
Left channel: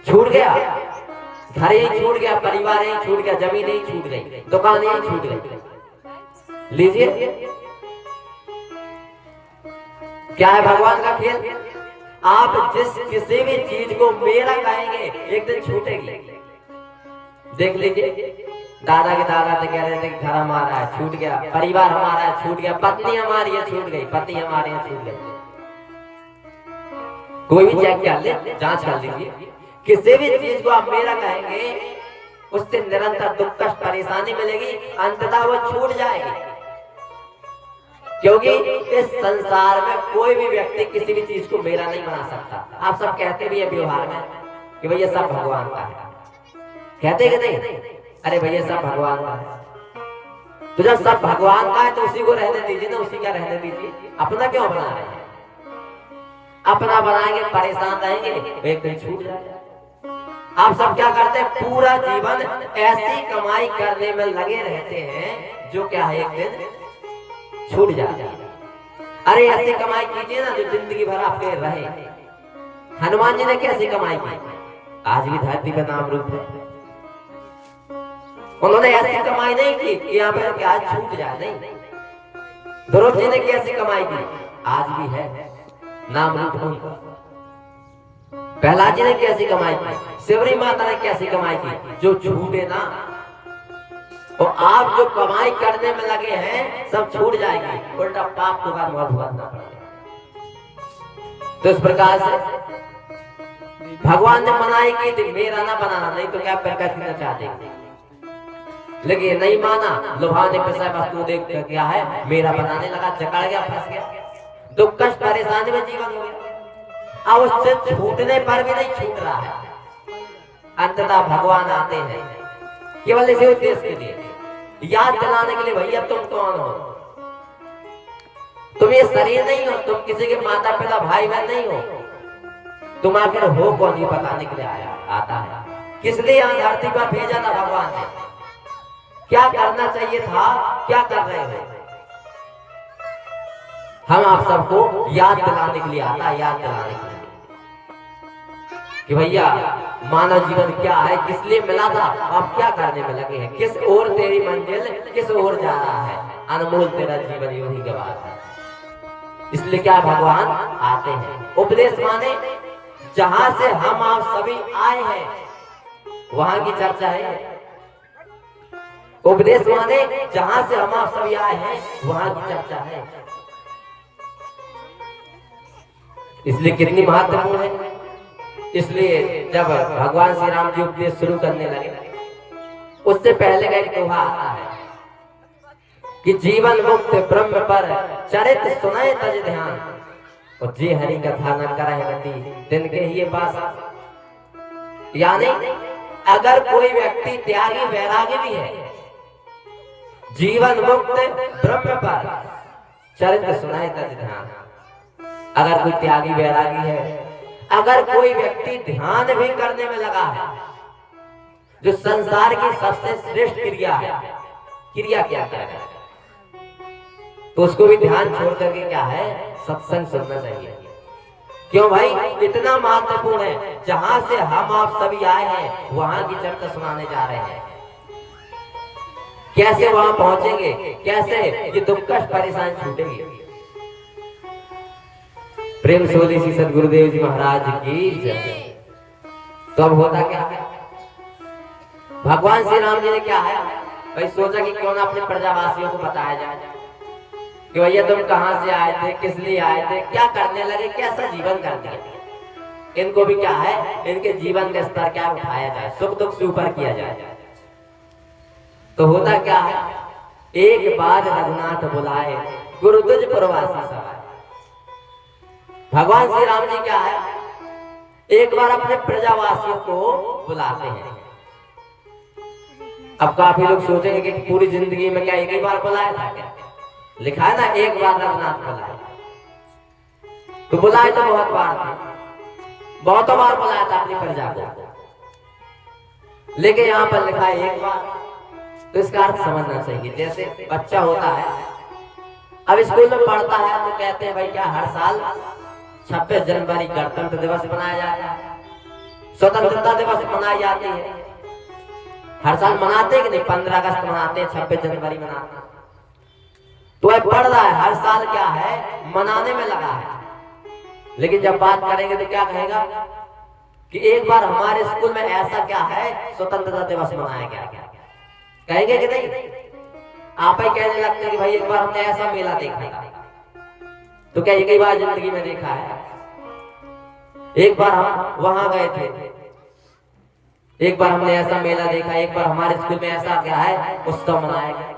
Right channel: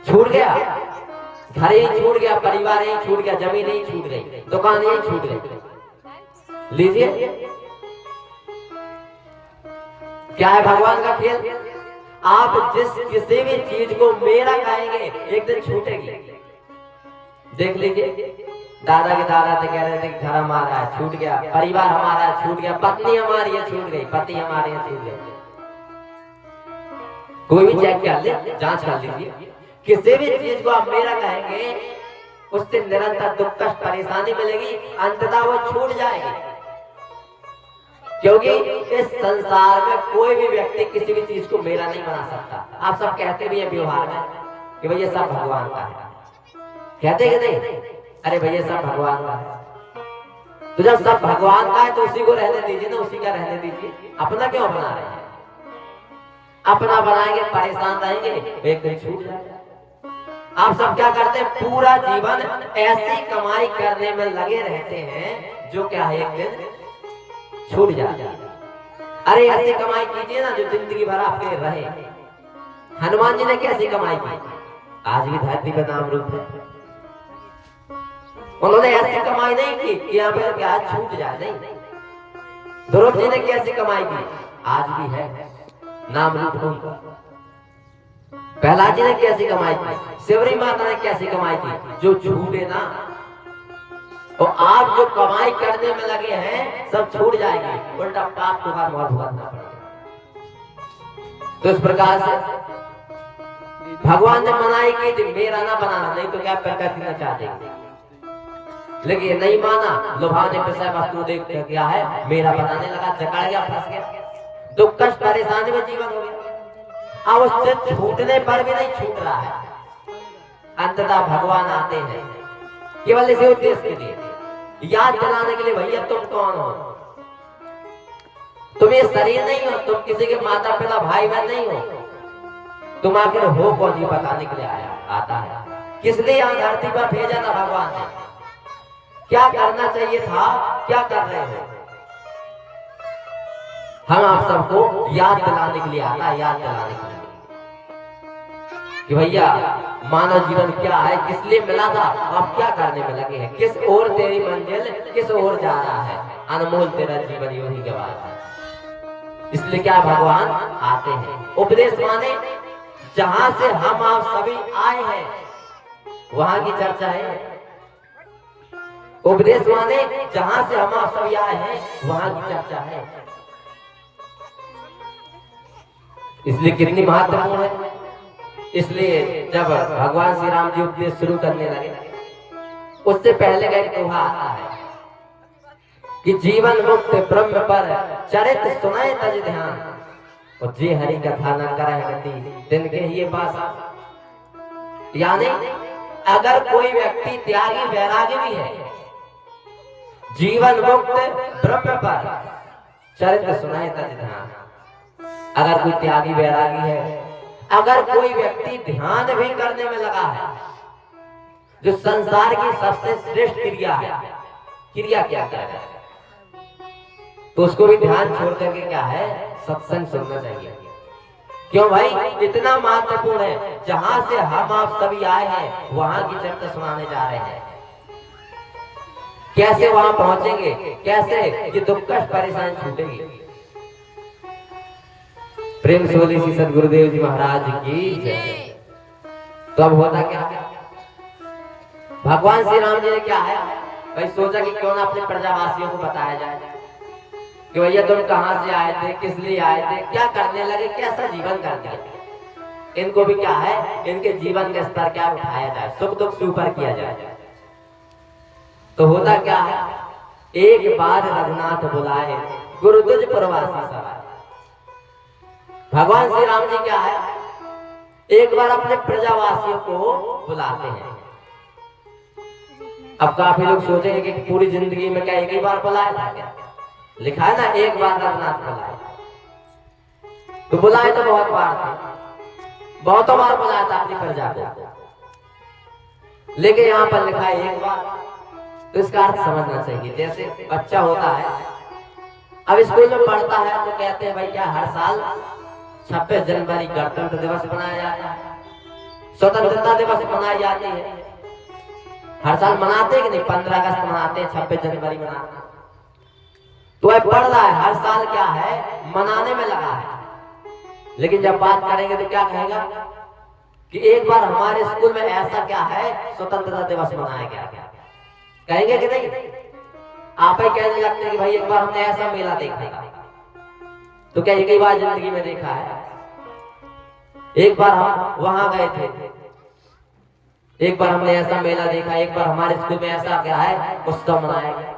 छूट गया, घर ही छूट गया, परिवार ही छूट गया, जमीन ही छूट गई, दुकान ही छूट गई। लीजिए क्या है भगवान का खेल। आप जिस किसी भी चीज को मेरा कहेंगे एक दिन छूटेगी। देख लीजिए दादा के दादा थे, कह रहे थे घर हमारा छूट गया, परिवार हमारा छूट गया, पत्नी हमारी है छूट गई, पति हमारे यहाँ छूट गए। कोई भी चेक कर ले, जांच कर लीजिए, किसी भी चीज को आप मेरा कहेंगे उससे निरंतर दुख कष्ट परेशानी मिलेगी, अंततः वो छूट जाएगी। क्योंकि इस संसार में कोई भी व्यक्ति किसी भी चीज को मेरा नहीं बना सकता। आप सब कहते भी है व्यवहार में कि भैया सब भगवान का है, कहते कि नहीं? अरे भैया सब भगवान का है। तो जब सब भगवान का है तो उसी को रहने दीजिए ना, उसी का रहने दीजिए। अपना क्यों बना रहे हैं? अपना बनाएंगे परेशान रहेंगे, एक दिन छूट जाएगा। आप सब क्या करते हैं, पूरा जीवन ऐसी कमाई करने में लगे रहते हैं जो क्या है एक दिन छूट जाए। अरे ऐसी कमाई कीजिए ना जो जिंदगी भर आपके रहे। हनुमान जी ने कैसी कमाई की, आज भी धरती का नाम रूप है। उन्होंने ऐसी कमाई नहीं की कि यहाँ पे क्या छूट जाए, नहीं। ध्रुव जी ने कैसी कमाई की, आज भी है नाम रूप उनका। प्रहलाद जी ने कैसी कमाई की, शिवरी माता ने कैसी कमाई की, जो छूटे ना। और आप जो कमाई करने में लगे हैं सब छूट जाएगी, उल्टा पाप का मौत भुगतना पड़ेगा। तो इस प्रकार से भगवान ने मनाई की थी मेरा ना बनाना, नहीं तो क्या पैसा खींचना चाहते, लेकिन नहीं माना। लुभाने पैसा वस्तु देख कर क्या है मेरा बनाने लगा, जकड़ गया, फंस गया, दुख कष्ट परेशानी में जीवन हो गया। अब उससे छूटने पर भी नहीं छूट रहा है। अंततः भगवान आते हैं केवल इसी उद्देश्य के लिए, याद दिलाने के लिए, भैया तुम कौन हो, तुम ये शरीर नहीं हो, तुम किसी के माता पिता भाई बहन नहीं हो, तुम आखिर हो कौन, ये बताने के लिए आया आता है। किस लिए यहाँ धरती पर भेजा था भगवान ने, क्या करना चाहिए था, क्या कर रहे हो। हम आप सबको याद दिलाने के लिए आता है, याद दिलाने के लिए कि भैया मानव जीवन क्या है, किस लिए मिला था, अब क्या करने में लगे हैं, किस ओर तेरी मंजिल किस ओर जा रहा है, अनमोल तेरा जीवन यूं ही गवा है। इसलिए क्या भगवान आते हैं। उपदेश माने जहां से हम आप सभी आए हैं वहां की चर्चा है। उपदेश माने जहां से हम आप सभी आए हैं वहां की चर्चा है। इसलिए कितनी महत्वपूर्ण है। इसलिए जब भगवान श्री राम जी उपदेश शुरू करने लगे उससे पहले का एक दोहा आता है कि जीवन मुक्त ब्रह्म पर चरित सुनाए तज ध्यान, और जे हरि कथा न करे गति दिन के ये बासा। यानी अगर कोई व्यक्ति त्यागी वैरागी भी है, जीवन मुक्त ब्रह्म पर चरित सुनाए तज ध्यान, अगर कोई त्यागी वैरागी है, अगर कोई व्यक्ति ध्यान भी करने में लगा है, जो संसार की सबसे श्रेष्ठ क्रिया है, क्रिया क्या है, तो उसको भी ध्यान छोड़ करके क्या है सत्संग सुनना चाहिए। क्यों भाई, इतना महत्वपूर्ण है। जहां से हम आप सभी आए हैं वहां की चर्चा सुनाने जा रहे हैं। कैसे वहां पहुंचेंगे, कैसे ये दुख कष्ट परेशानी छूटेगी। प्रेम से बोलिए श्री सद्गुरुदेव जी महाराज की जय। तो अब होता क्या, भगवान श्री राम जी ने क्या है भाई सोचा कि क्यों ना अपने प्रजावासियों को बताया जाए कि भैया तुम कहां से आए थे, किस लिए आए थे, क्या करने लगे, कैसा जीवन कर दिया। इनको भी क्या है, इनके जीवन का स्तर क्या उठाया जाए, सुख दुख से ऊपर किया जाए। तो होता क्या है, एक बार रघुनाथ बुलाए गुरु तुझ प्रवासी सवाए। भगवान श्री राम जी क्या है, एक बार अपने प्रजावासियों को बुलाते हैं। अब काफी लोग सोचेंगे कि पूरी जिंदगी में क्या एक ही बार बुलाया था क्या? लिखा है ना, एक बार रघुनाथ बुलाए। तो बुलाए तो बहुत बार थे, बहुत बार बुलाया था अपनी प्रजा को, लेकिन यहाँ पर लिखा है एक बार। तो इसका अर्थ समझना चाहिए। जैसे बच्चा होता है, अब स्कूल में पढ़ता है तो कहते हैं भाई क्या हर साल 26 जनवरी गणतंत्र दिवस मनाया जाता है, स्वतंत्रता दिवस मनाई जाती है। हर साल मनाते हैं कि नहीं? 15 अगस्त मनाते हैं, 26 जनवरी मनाते हैं। तो वह पढ़ रहा है, हर साल क्या है मनाने में लगा है। लेकिन जब बात करेंगे तो क्या कहेगा कि एक बार हमारे स्कूल में ऐसा क्या है, स्वतंत्रता दिवस मनाया गया, कहेंगे कि नहीं? आप ही कहने लगते हैं कि भाई एक बार हमने ऐसा मेला देखा था। तो क्या एक ही बार जिंदगी में देखा है? एक बार हम वहां गए थे, एक बार हमने ऐसा मेला देखा, एक बार हमारे स्कूल में ऐसा क्या है उत्सव मनाया गया।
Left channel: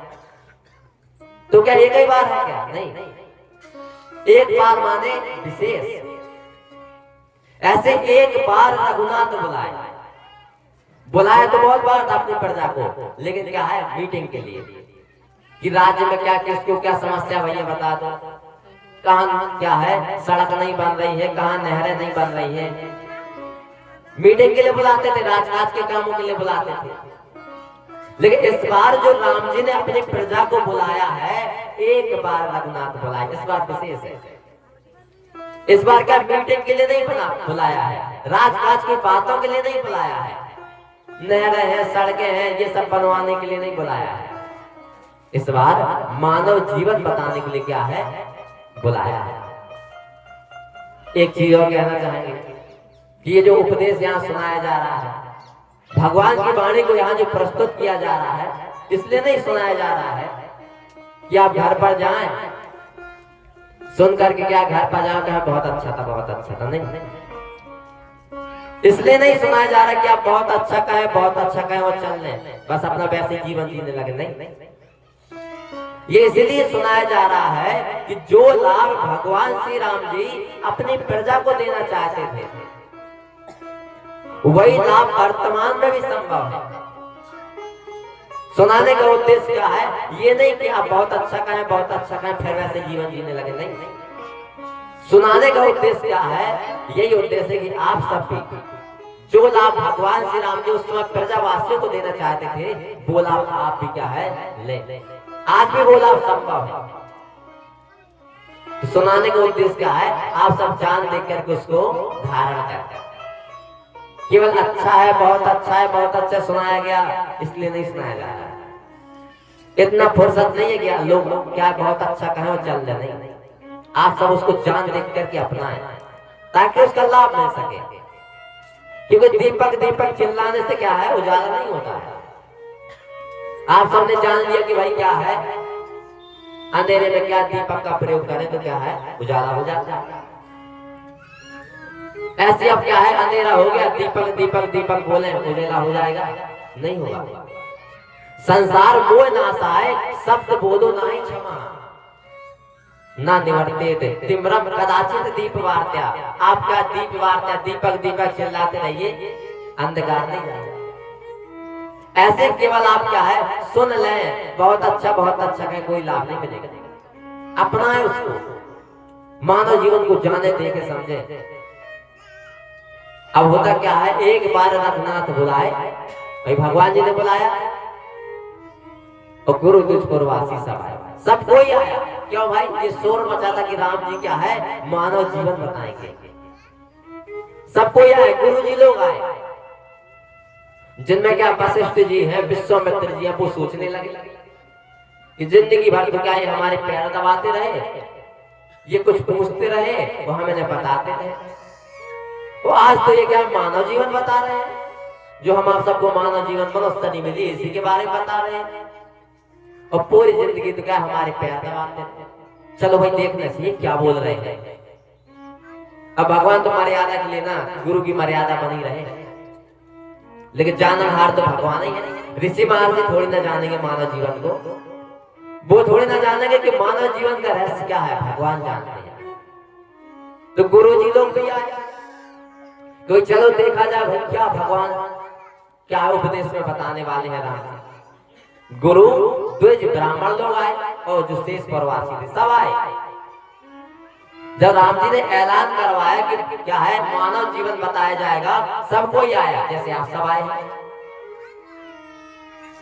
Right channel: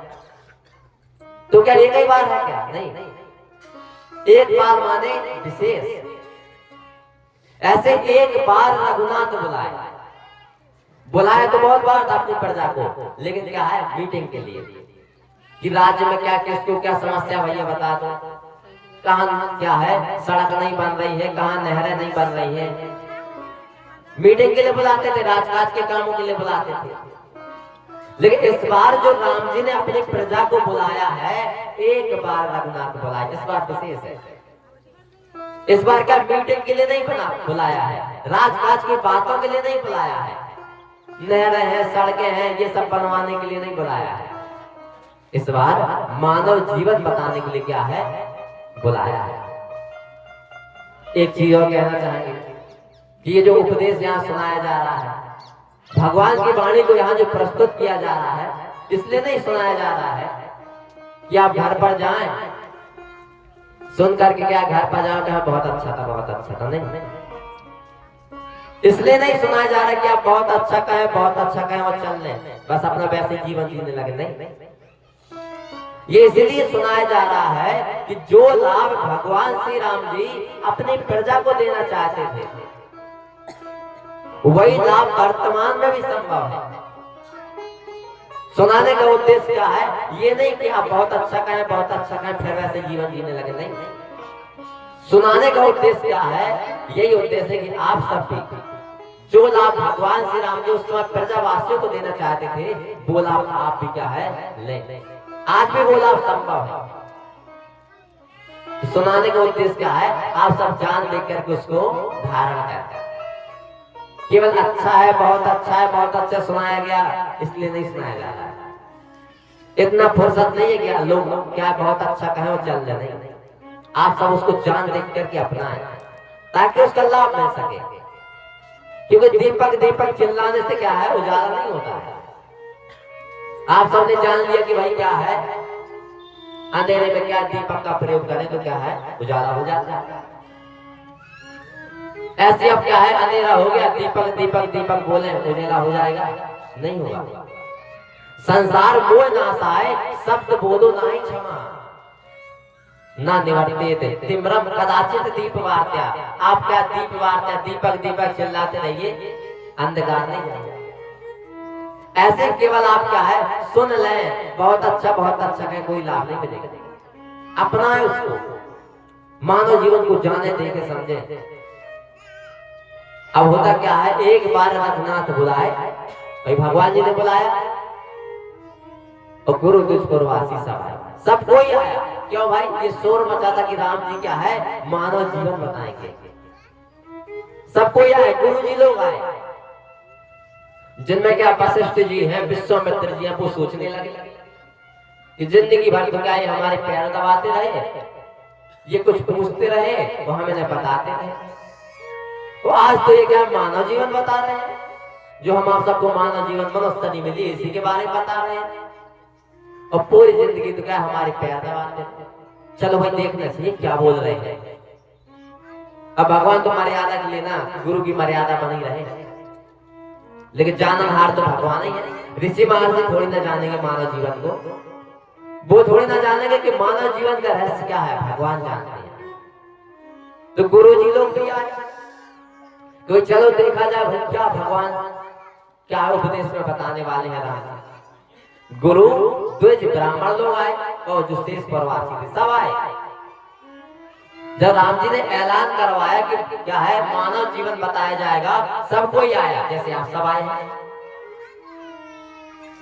तो क्या एक ही बार है क्या? नहीं, एक बार माने विशेष। ऐसे एक बार रघुनाथ बुलाए तो बहुत बार था अपनी प्रजा को, लेकिन क्या है मीटिंग के लिए कि राज्य में क्या किसको क्या समस्या भैया बता दो, कहाँ क्या है सड़क नहीं बन रही है, कहाँ नहरें नहीं बन रही है। मीटिंग के लिए बुलाते थे, राजकाज के कामों के लिए बुलाते थे। लेकिन इस बार जो राम जी ने अपनी प्रजा को बुलाया है, एक बार रघुनाथ बुलाया, इस बार विशेष है। इस बार का मीटिंग के लिए नहीं बुलाया है, राजकाज की बातों के लिए नहीं बुलाया है, नहरें हैं सड़कें हैं ये सब बनवाने के लिए नहीं बुलाया है। इस बार मानव जीवन बताने के लिए क्या है बुलाया है। एक चीज और कहना चाहेंगे कि ये जो उपदेश यहाँ सुनाया जा रहा है, भगवान की वाणी को यहाँ जो प्रस्तुत किया जा रहा है, इसलिए नहीं सुनाया जा रहा है कि आप घर पर जाएं सुन करके क्या घर पर जाओ क्या बहुत अच्छा था बहुत अच्छा था, नहीं। इसलिए नहीं सुनाया जा रहा कि आप बहुत अच्छा कहें बहुत अच्छा कहें और चल लें बस अपना वैसे जीवन जीने लगे, नहीं। ये इसलिए सुनाया जा रहा है कि जो लाभ भगवान श्री राम जी अपनी प्रजा को देना चाहते थे, वही लाभ वर्तमान में भी संभव है। सुनाने का उद्देश्य क्या है? ये नहीं कि आप बहुत अच्छा कहें बहुत अच्छा कहें फिर वैसे जीवन जीने लगे, नहीं। सुनाने का उद्देश्य क्या है? यही उद्देश्य है कि आप सब भी जो लाभ भगवान श्री राम जी उस समय प्रजावासियों को देना चाहते थे, वो लाभ आप भी क्या है ले। आज भी वो लाभ संभव है। सुनाने का उद्देश्य क्या है? आप सब जान देख करके उसको धारण करें। केवल अच्छा है बहुत अच्छा सुनाया गया इसलिए नहीं सुनाया जा रहा है। इतना फुर्सत नहीं है कि लोग क्या बहुत अच्छा कहें और चल जाए, नहीं। आप सब उसको जान देख करके अपनाएं ताकि उसका लाभ मिल सके। क्योंकि दीपक चिल्लाने से क्या है उजाला नहीं होता है। आप सबने जान लिया कि भाई क्या है अंधेरे में क्या दीपक का प्रयोग करें तो क्या है उजाला हो जाता है। ऐसे अब क्या है अंधेरा हो गया दीपक बोले उजाला हो जाएगा, नहीं होगा। संसार मोह नाशाय शब्द बोलो नहीं क्षमा ना निवर्ते थे तिम्रम कदाचित दीप वार्त्या। आप क्या दीप वार्त्या दीपक चिल्लाते रहिए, अंधकार नहीं जाएगा। ऐसे केवल आप क्या है सुन लें बहुत अच्छा का कोई लाभ नहीं मिलेगा। अपनाएं उसको, मानव जीवन को जाने देखे समझे। अब होता क्या है एक बार रघुनाथ बुलाए, भाई भगवान जी ने बुलाया और गुरु दुष्पुरवासी सब कोई आया। क्यों भाई? ये शोर मचा था कि राम जी क्या है मानव जीवन बताएंगे। सब कोई आए, गुरु जी लोग आए जिनमें क्या वशिष्ठ जी हैं विश्वामित्र जी हैं। वो सोचने लगे कि जिंदगी भर तो क्या हमारे पैर दबाते रहे, ये कुछ पूछते रहे वो हमें बताते रहे, तो आज तो ये क्या मानव जीवन बता रहे हैं। जो हम आप सबको मानव जीवन मनुष्य नहीं मिली इसी के बारे में बता रहे हैं और पूरी जिंदगी तो क्या हमारे पैर दबाते हैं। चलो भाई देखने से क्या बोल रहे हैं। अब भगवान तो मर्यादा के लिए ना गुरु की मर्यादा बनी रहे, लेकिन जाननहार तो भगवान ही है। ऋषि महर्षि थोड़ी ना जानेंगे मानव जीवन को, वो थोड़ी ना जानेंगे कि मानव जीवन का रहस्य क्या है, भगवान जानते हैं। तो गुरु जी लोग भी आए, तो चलो देखा जाए क्या भगवान क्या उपदेश में बताने वाले हैं राम। गुरु द्विज ब्राह्मण लोग आए और जो शेष प्रवासी थे सब आए। जब राम जी ने ऐलान करवाया कि क्या है मानव जीवन बताया जाएगा, सब कोई आया। जैसे आप सब आए हैं,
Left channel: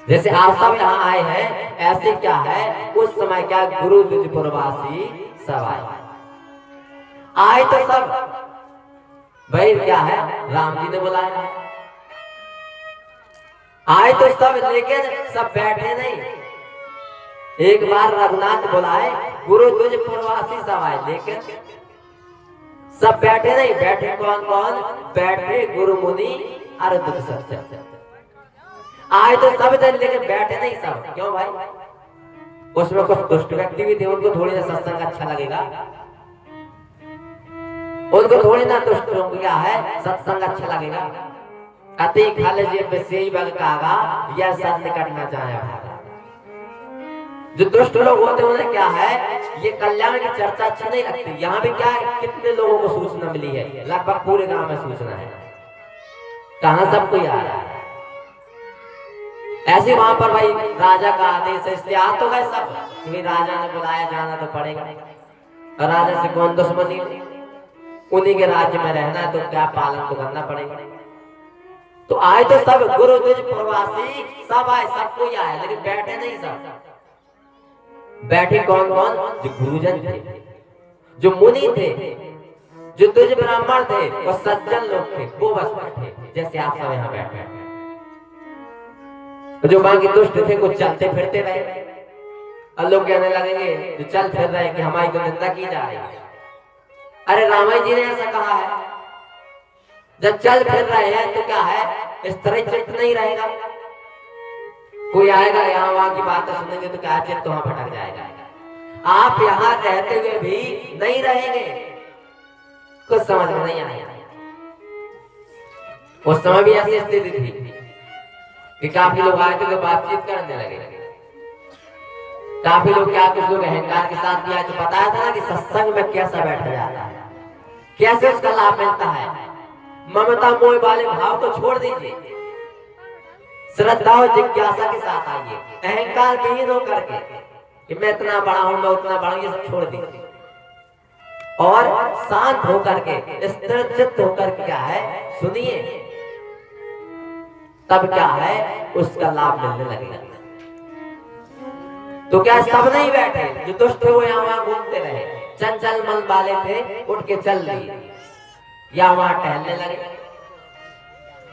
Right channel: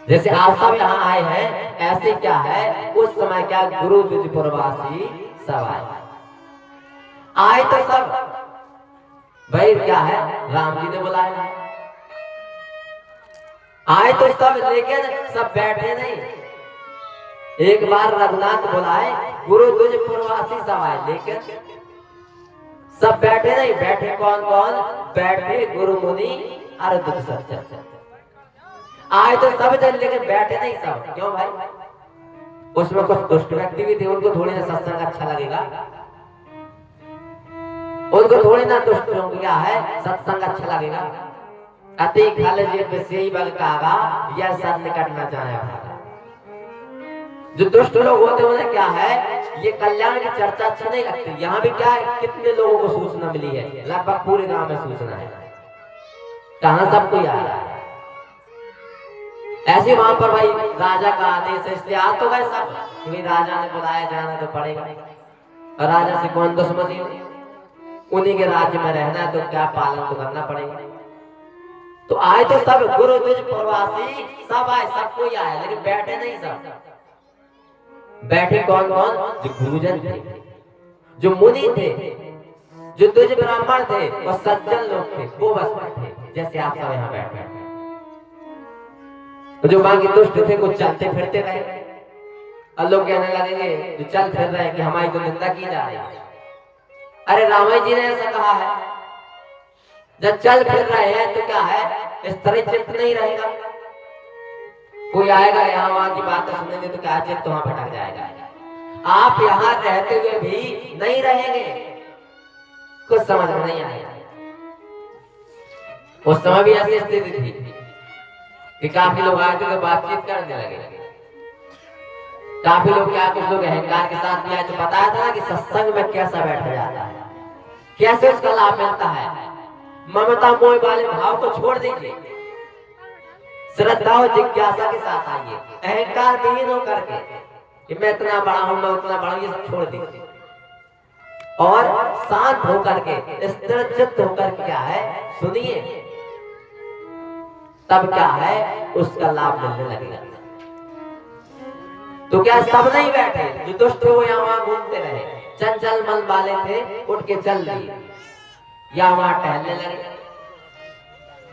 जैसे आप सब यहाँ आए हैं, ऐसे क्या है उस समय क्या गुरु द्विज प्रवासी सब आए तो सब भाई क्या है राम जी ने बुलाया। आए तो सब, लेकिन सब बैठे नहीं। एक बार रघुनाथ बुलाए, गुरु द्विज प्रवासी सब आए, लेकिन सब बैठे नहीं। बैठे कौन कौन? बैठे गुरु मुनि और दुख सत्य। आए तो सब जन, लेकिन बैठे नहीं सब। क्यों भाई? उसमें कुछ दुष्ट व्यक्ति भी थे, उनको थोड़ी ना सत्संग अच्छा लगेगा, उनको थोड़ी ना दुष्ट लोग क्या है सत्संग अच्छा लगेगा। अति खाले जेब में से ही बल कागा, यह सब निकट में जाए भागा। जो दुष्ट लोग होते हैं उन्हें क्या है ये कल्याण की चर्चा अच्छी नहीं लगती। यहाँ भी क्या है कितने लोगों को सूचना मिली है, लगभग पूरे गांव में सूचना है, कहां सबको याद है। ऐसे वहां पर भाई राजा का आदेश है, इसलिए आ तो गए सब, क्योंकि राजा ने बुलाया जाना तो पड़ेगा। और राजा से कौन दुश्मनी, उन्हीं के राज्य में रहना है तो क्या पालन तो करना पड़ेगा। तो आए तो सब गुरु द्विज प्रवासी सब आए, सब कोई आए, लेकिन बैठे नहीं सब। बैठे कौन कौन? जो गुरुजन थे, जो मुनि थे, जो द्विज ब्राह्मण थे और सज्जन लोग थे, वो बस बैठे जैसे आप सब यहाँ बैठे। जो बाकी दुष्ट थे कुछ चलते फिरते रहे, और लोग कहने लगेंगे जो चल फिर रहे कि हमारी तो निंदा की जा रही है। अरे राम जी ने ऐसा कहा है, जब चल फिर रहे हैं तो क्या है इस तरह चित्त नहीं रहेगा। कोई आएगा यहाँ वहां की बातें सुनेंगे तो क्या चित्त वहां भटक जाएगा। आप यहाँ रहते हुए भी नहीं रहेंगे, कुछ समझ में नहीं आएगा। उस समय भी ऐसी स्थिति थी कि काफी लोग आए थे बातचीत करने लगे। काफी लोग क्या, कुछ लोग अहंकार के साथ भी आए। तो बताया था ना कि सत्संग में कैसा बैठा जाता है, कैसे उसका लाभ मिलता है। ममता मोह वाले भाव को छोड़ दीजिए, श्रद्धा और जिज्ञासा के साथ आइए, अहंकार विहीन होकर के कि मैं इतना बड़ा हूं, मैं उतना बड़ा हूं, ये सब छोड़ दीजिए और शांत होकर के स्थिर चित्त होकर के क्या है सुनिए, तब क्या है उसका लाभ मिलने लगेगा। तो क्या सब नहीं बैठे, जो दुष्ट थे वो यहाँ वहां घूमते रहे, चंचल मन वाले थे उठ के चल दिए या वहां टहलने लगे।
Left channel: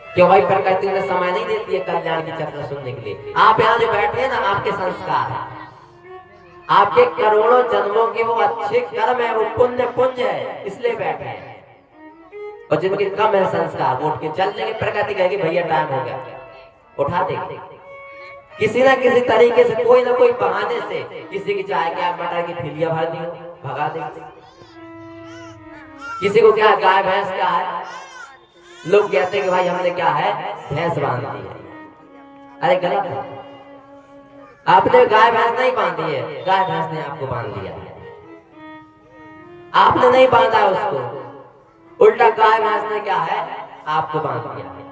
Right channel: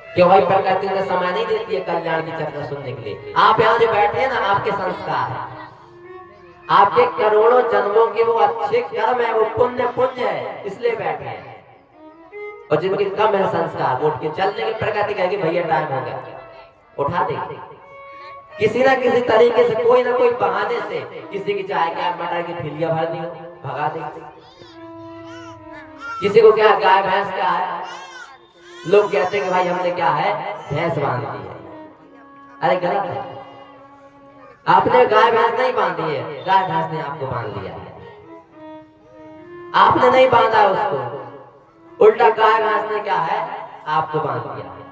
क्यों भाई प्रकृति ने समय नहीं देती है कल्याण की चर्चा सुनने के लिए। आप यहाँ जो बैठे हैं ना, आपके संस्कार है, आपके करोड़ों जन्मों के वो अच्छे कर्म है, वो पुण्य पुंज है, इसलिए बैठे हैं। और जिनके कम है संस्कार वो उठ के चल देंगे। प्रकृति कहेगी भैया टाइम हो गया, उठा देंगे किसी ना किसी तरीके से, कोई ना कोई बहाने से। किसी की चाहे क्या मटर की फिलिया भर दी भगा देंगे, किसी को क्या गाय भैंस क्या है, लोग कहते हैं कि भाई हमने क्या है भैंस बांध दी है। अरे गलत है, आपने गाय भैंस नहीं बांधी है, गाय भैंस ने आपको बांध दिया है। आपने नहीं बांधा उसको, उल्टा गाय भैंस ने क्या है आपको बांध दिया है।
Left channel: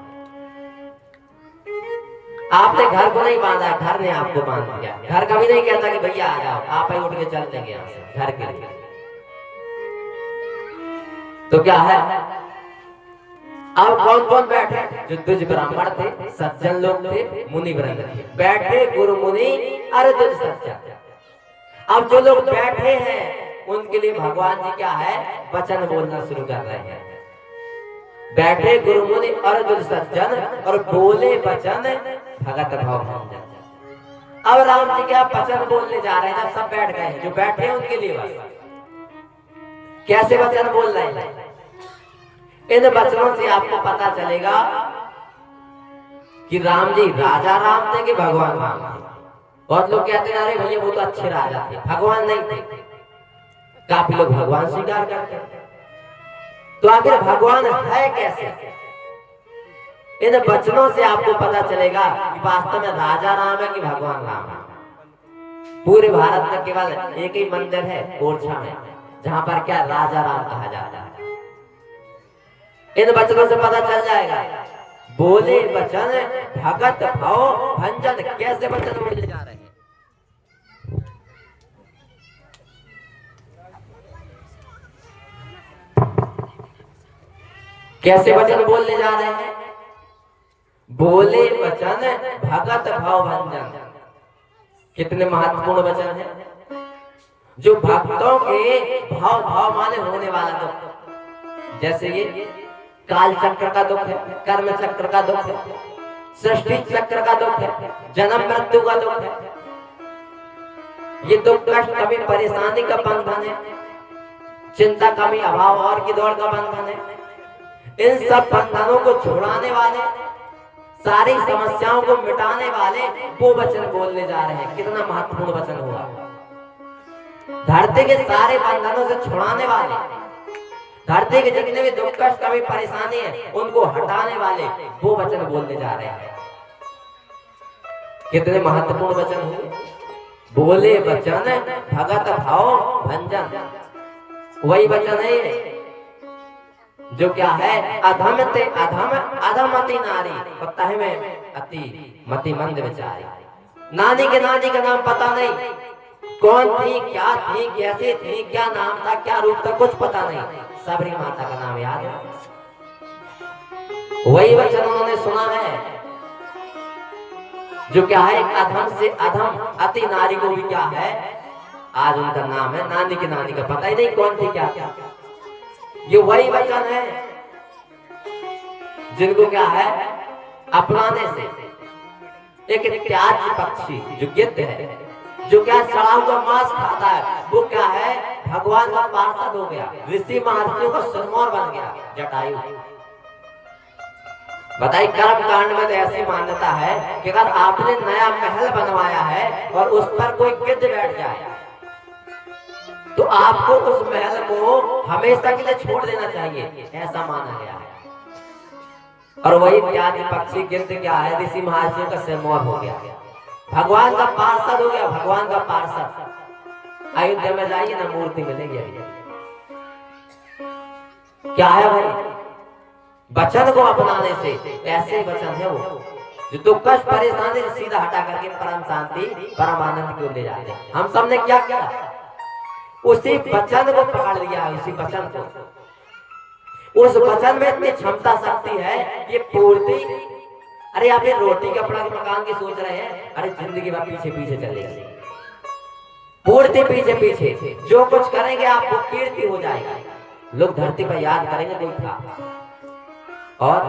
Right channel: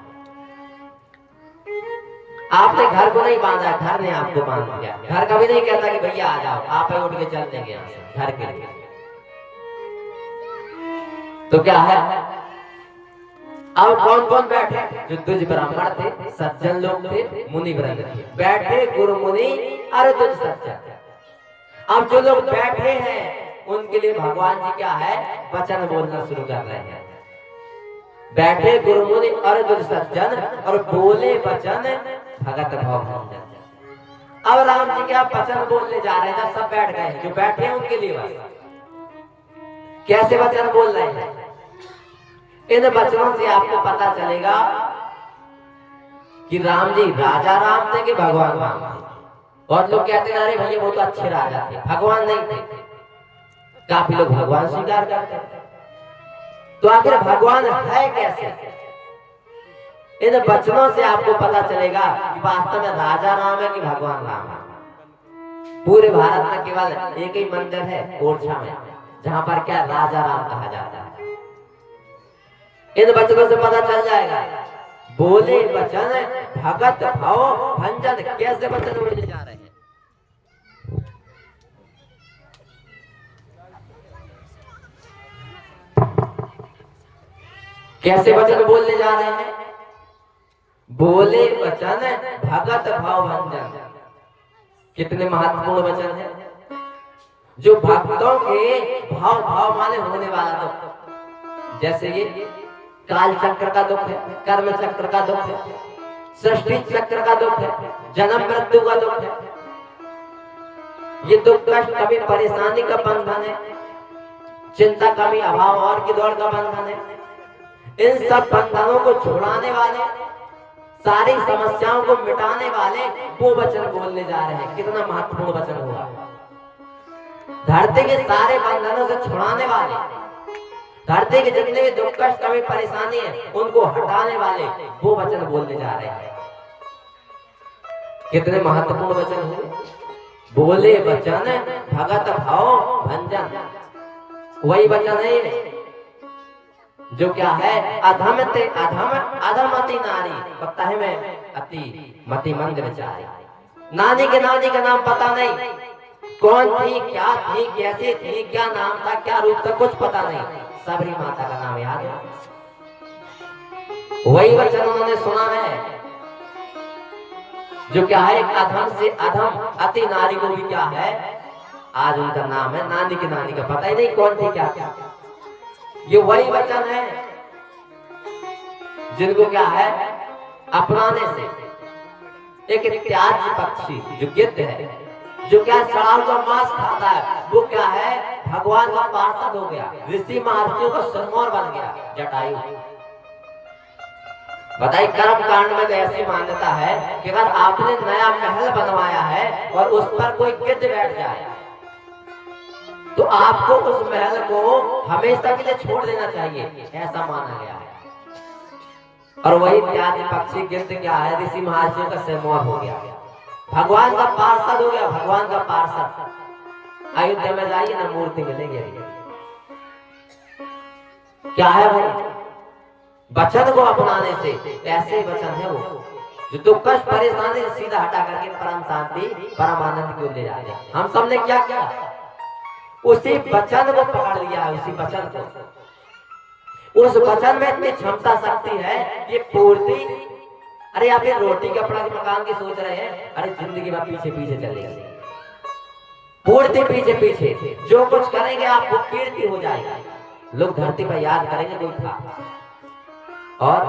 आपने घर को नहीं बांधा, घर ने आपको बांध दिया। घर कभी नहीं कहता कि भैया आ जाओ, आप ही उठ के चल देंगे घर के लिए। तो क्या है अब कौन कौन बैठे? जो द्विज ब्राह्मण थे, सज्जन लोग थे, मुनि वृंद थे, बैठे गुरु मुनि और द्विज सज्जन। अब जो लोग बैठे हैं उनके लिए भगवान जी क्या है वचन बोलना शुरू कर रहे हैं। बैठे गुरु मुनि और द्विज सज्जन और बोले वचन भगत भाव। अब राम जी क्या वचन बोलने जा रहे हैं। जब सब बैठ गए, जो बैठे हैं उनके लिए कैसे वचन बोल रहे हैं, इन वचनों से आपको पता चलेगा कि राम जी राजा राम थे कि भगवान राम थे। और लोग कहते हैं अरे भैया वो तो अच्छे राजा थे, भगवान नहीं थे। काफी लोग भगवान स्वीकार करते हैं। तो आखिर भगवान है कैसे? इन वचनों से आपको पता चलेगा कि वास्तव में राजा राम है कि भगवान राम है। पूरे भारत में केवल एक ही मंदिर है ओरछा में, जहां पर क्या राजा राम कहा जाता है। इन वचनों से पता चल जाएगा बोले वचन भगत भाव भंजन। कैसे वचन बोले जा रहे हैं, कैसे वचन बोलने जा रहे हैं। बोले वचन भगत भाव भंजन। कितने महत्वपूर्ण वचन है, जो भक्तों के भाव भाव माने होने वाला दुख। जैसे ये काल चक्र का दुख है, कर्म चक्र का दुख है, सृष्टि चक्र का दुख है, जन्म मृत्यु का दुख है। ये दुख कष्ट कभी परेशानी का बंधन है, चिंता कमी अभाव और की दौड़ का बंधन है। इन सब बंधनों को छुड़ाने वाले, सारी समस्याओं को मिटाने वाले वो वचन बोलने जा रहे हैं। कितना महत्वपूर्ण वचन हुआ, धरती के सारे बंधनों से छुड़ाने वाले, धरती के जितने भी दुख कष्ट कभी परेशानी है उनको हटाने वाले वो वचन बोलने जा रहे हैं। कितने महत्वपूर्ण वचन हुए, बोले वचन भगत भाव भंजन। वही वचन है जो क्या है, अधम ते अधम अधमति नारी पता है मैं अति मति मंद विचारी। नानी के नाम पता नहीं, कौन थी, क्या थी, कैसे थी, क्या नाम था, क्या रूप था, कुछ पता नहीं, सबरी माता का नाम याद है। वही वचन उन्होंने सुना है जो क्या है, अधम से अधम अति नारी को भी क्या है, आज उनका नाम है, नानी की नानी का पता ही नहीं कौन थी क्या क्या। ये वही वचन है जिनको क्या है, अपनाने से एक त्याज पक्षी जो गिद्ध है, जो क्या सड़ा हुआ मांस खाता है, वो क्या है, भगवान का पार्षद हो गया, ऋषि महर्षियों का सिरमौर बन गया जटायु। बताइए कर्म कांड में तो ऐसी मान्यता है कि अगर आपने नया महल बनवाया है और उस पर कोई गिद्ध बैठ जाए तो आपको उस महल को हमेशा के लिए छोड़ देना चाहिए, ऐसा माना गया है। और वही त्याज पक्षी गिद्ध क्या है, ऋषि महर्षियों का सिरमौर हो गया, भगवान का पार्षद हो गया, भगवान का पार्षद। अयोध्या में जाइए ना, मूर्ति मिलेगी। क्या है भाई, वचन को अपनाने से ऐसे वचन है वो जो दुख कष्ट परेशानी सीधा हटा करके परम शांति परम आनंद की ओर ले जाते हैं। हम सबने क्या किया, उसी वचन को पकड़ लिया, उसी वचन को। उस वचन में इतनी क्षमता शक्ति है, ये पूर्ति। अरे आप ये रोटी कपड़ा मकान की सोच रहे हैं, अरे जिंदगी में पीछे पीछे चलेगा, पूर्ति पीछे पीछे। जो कुछ करेंगे आपको कीर्ति हो जाएगा, लोग धरती पर याद करेंगे कोई था, और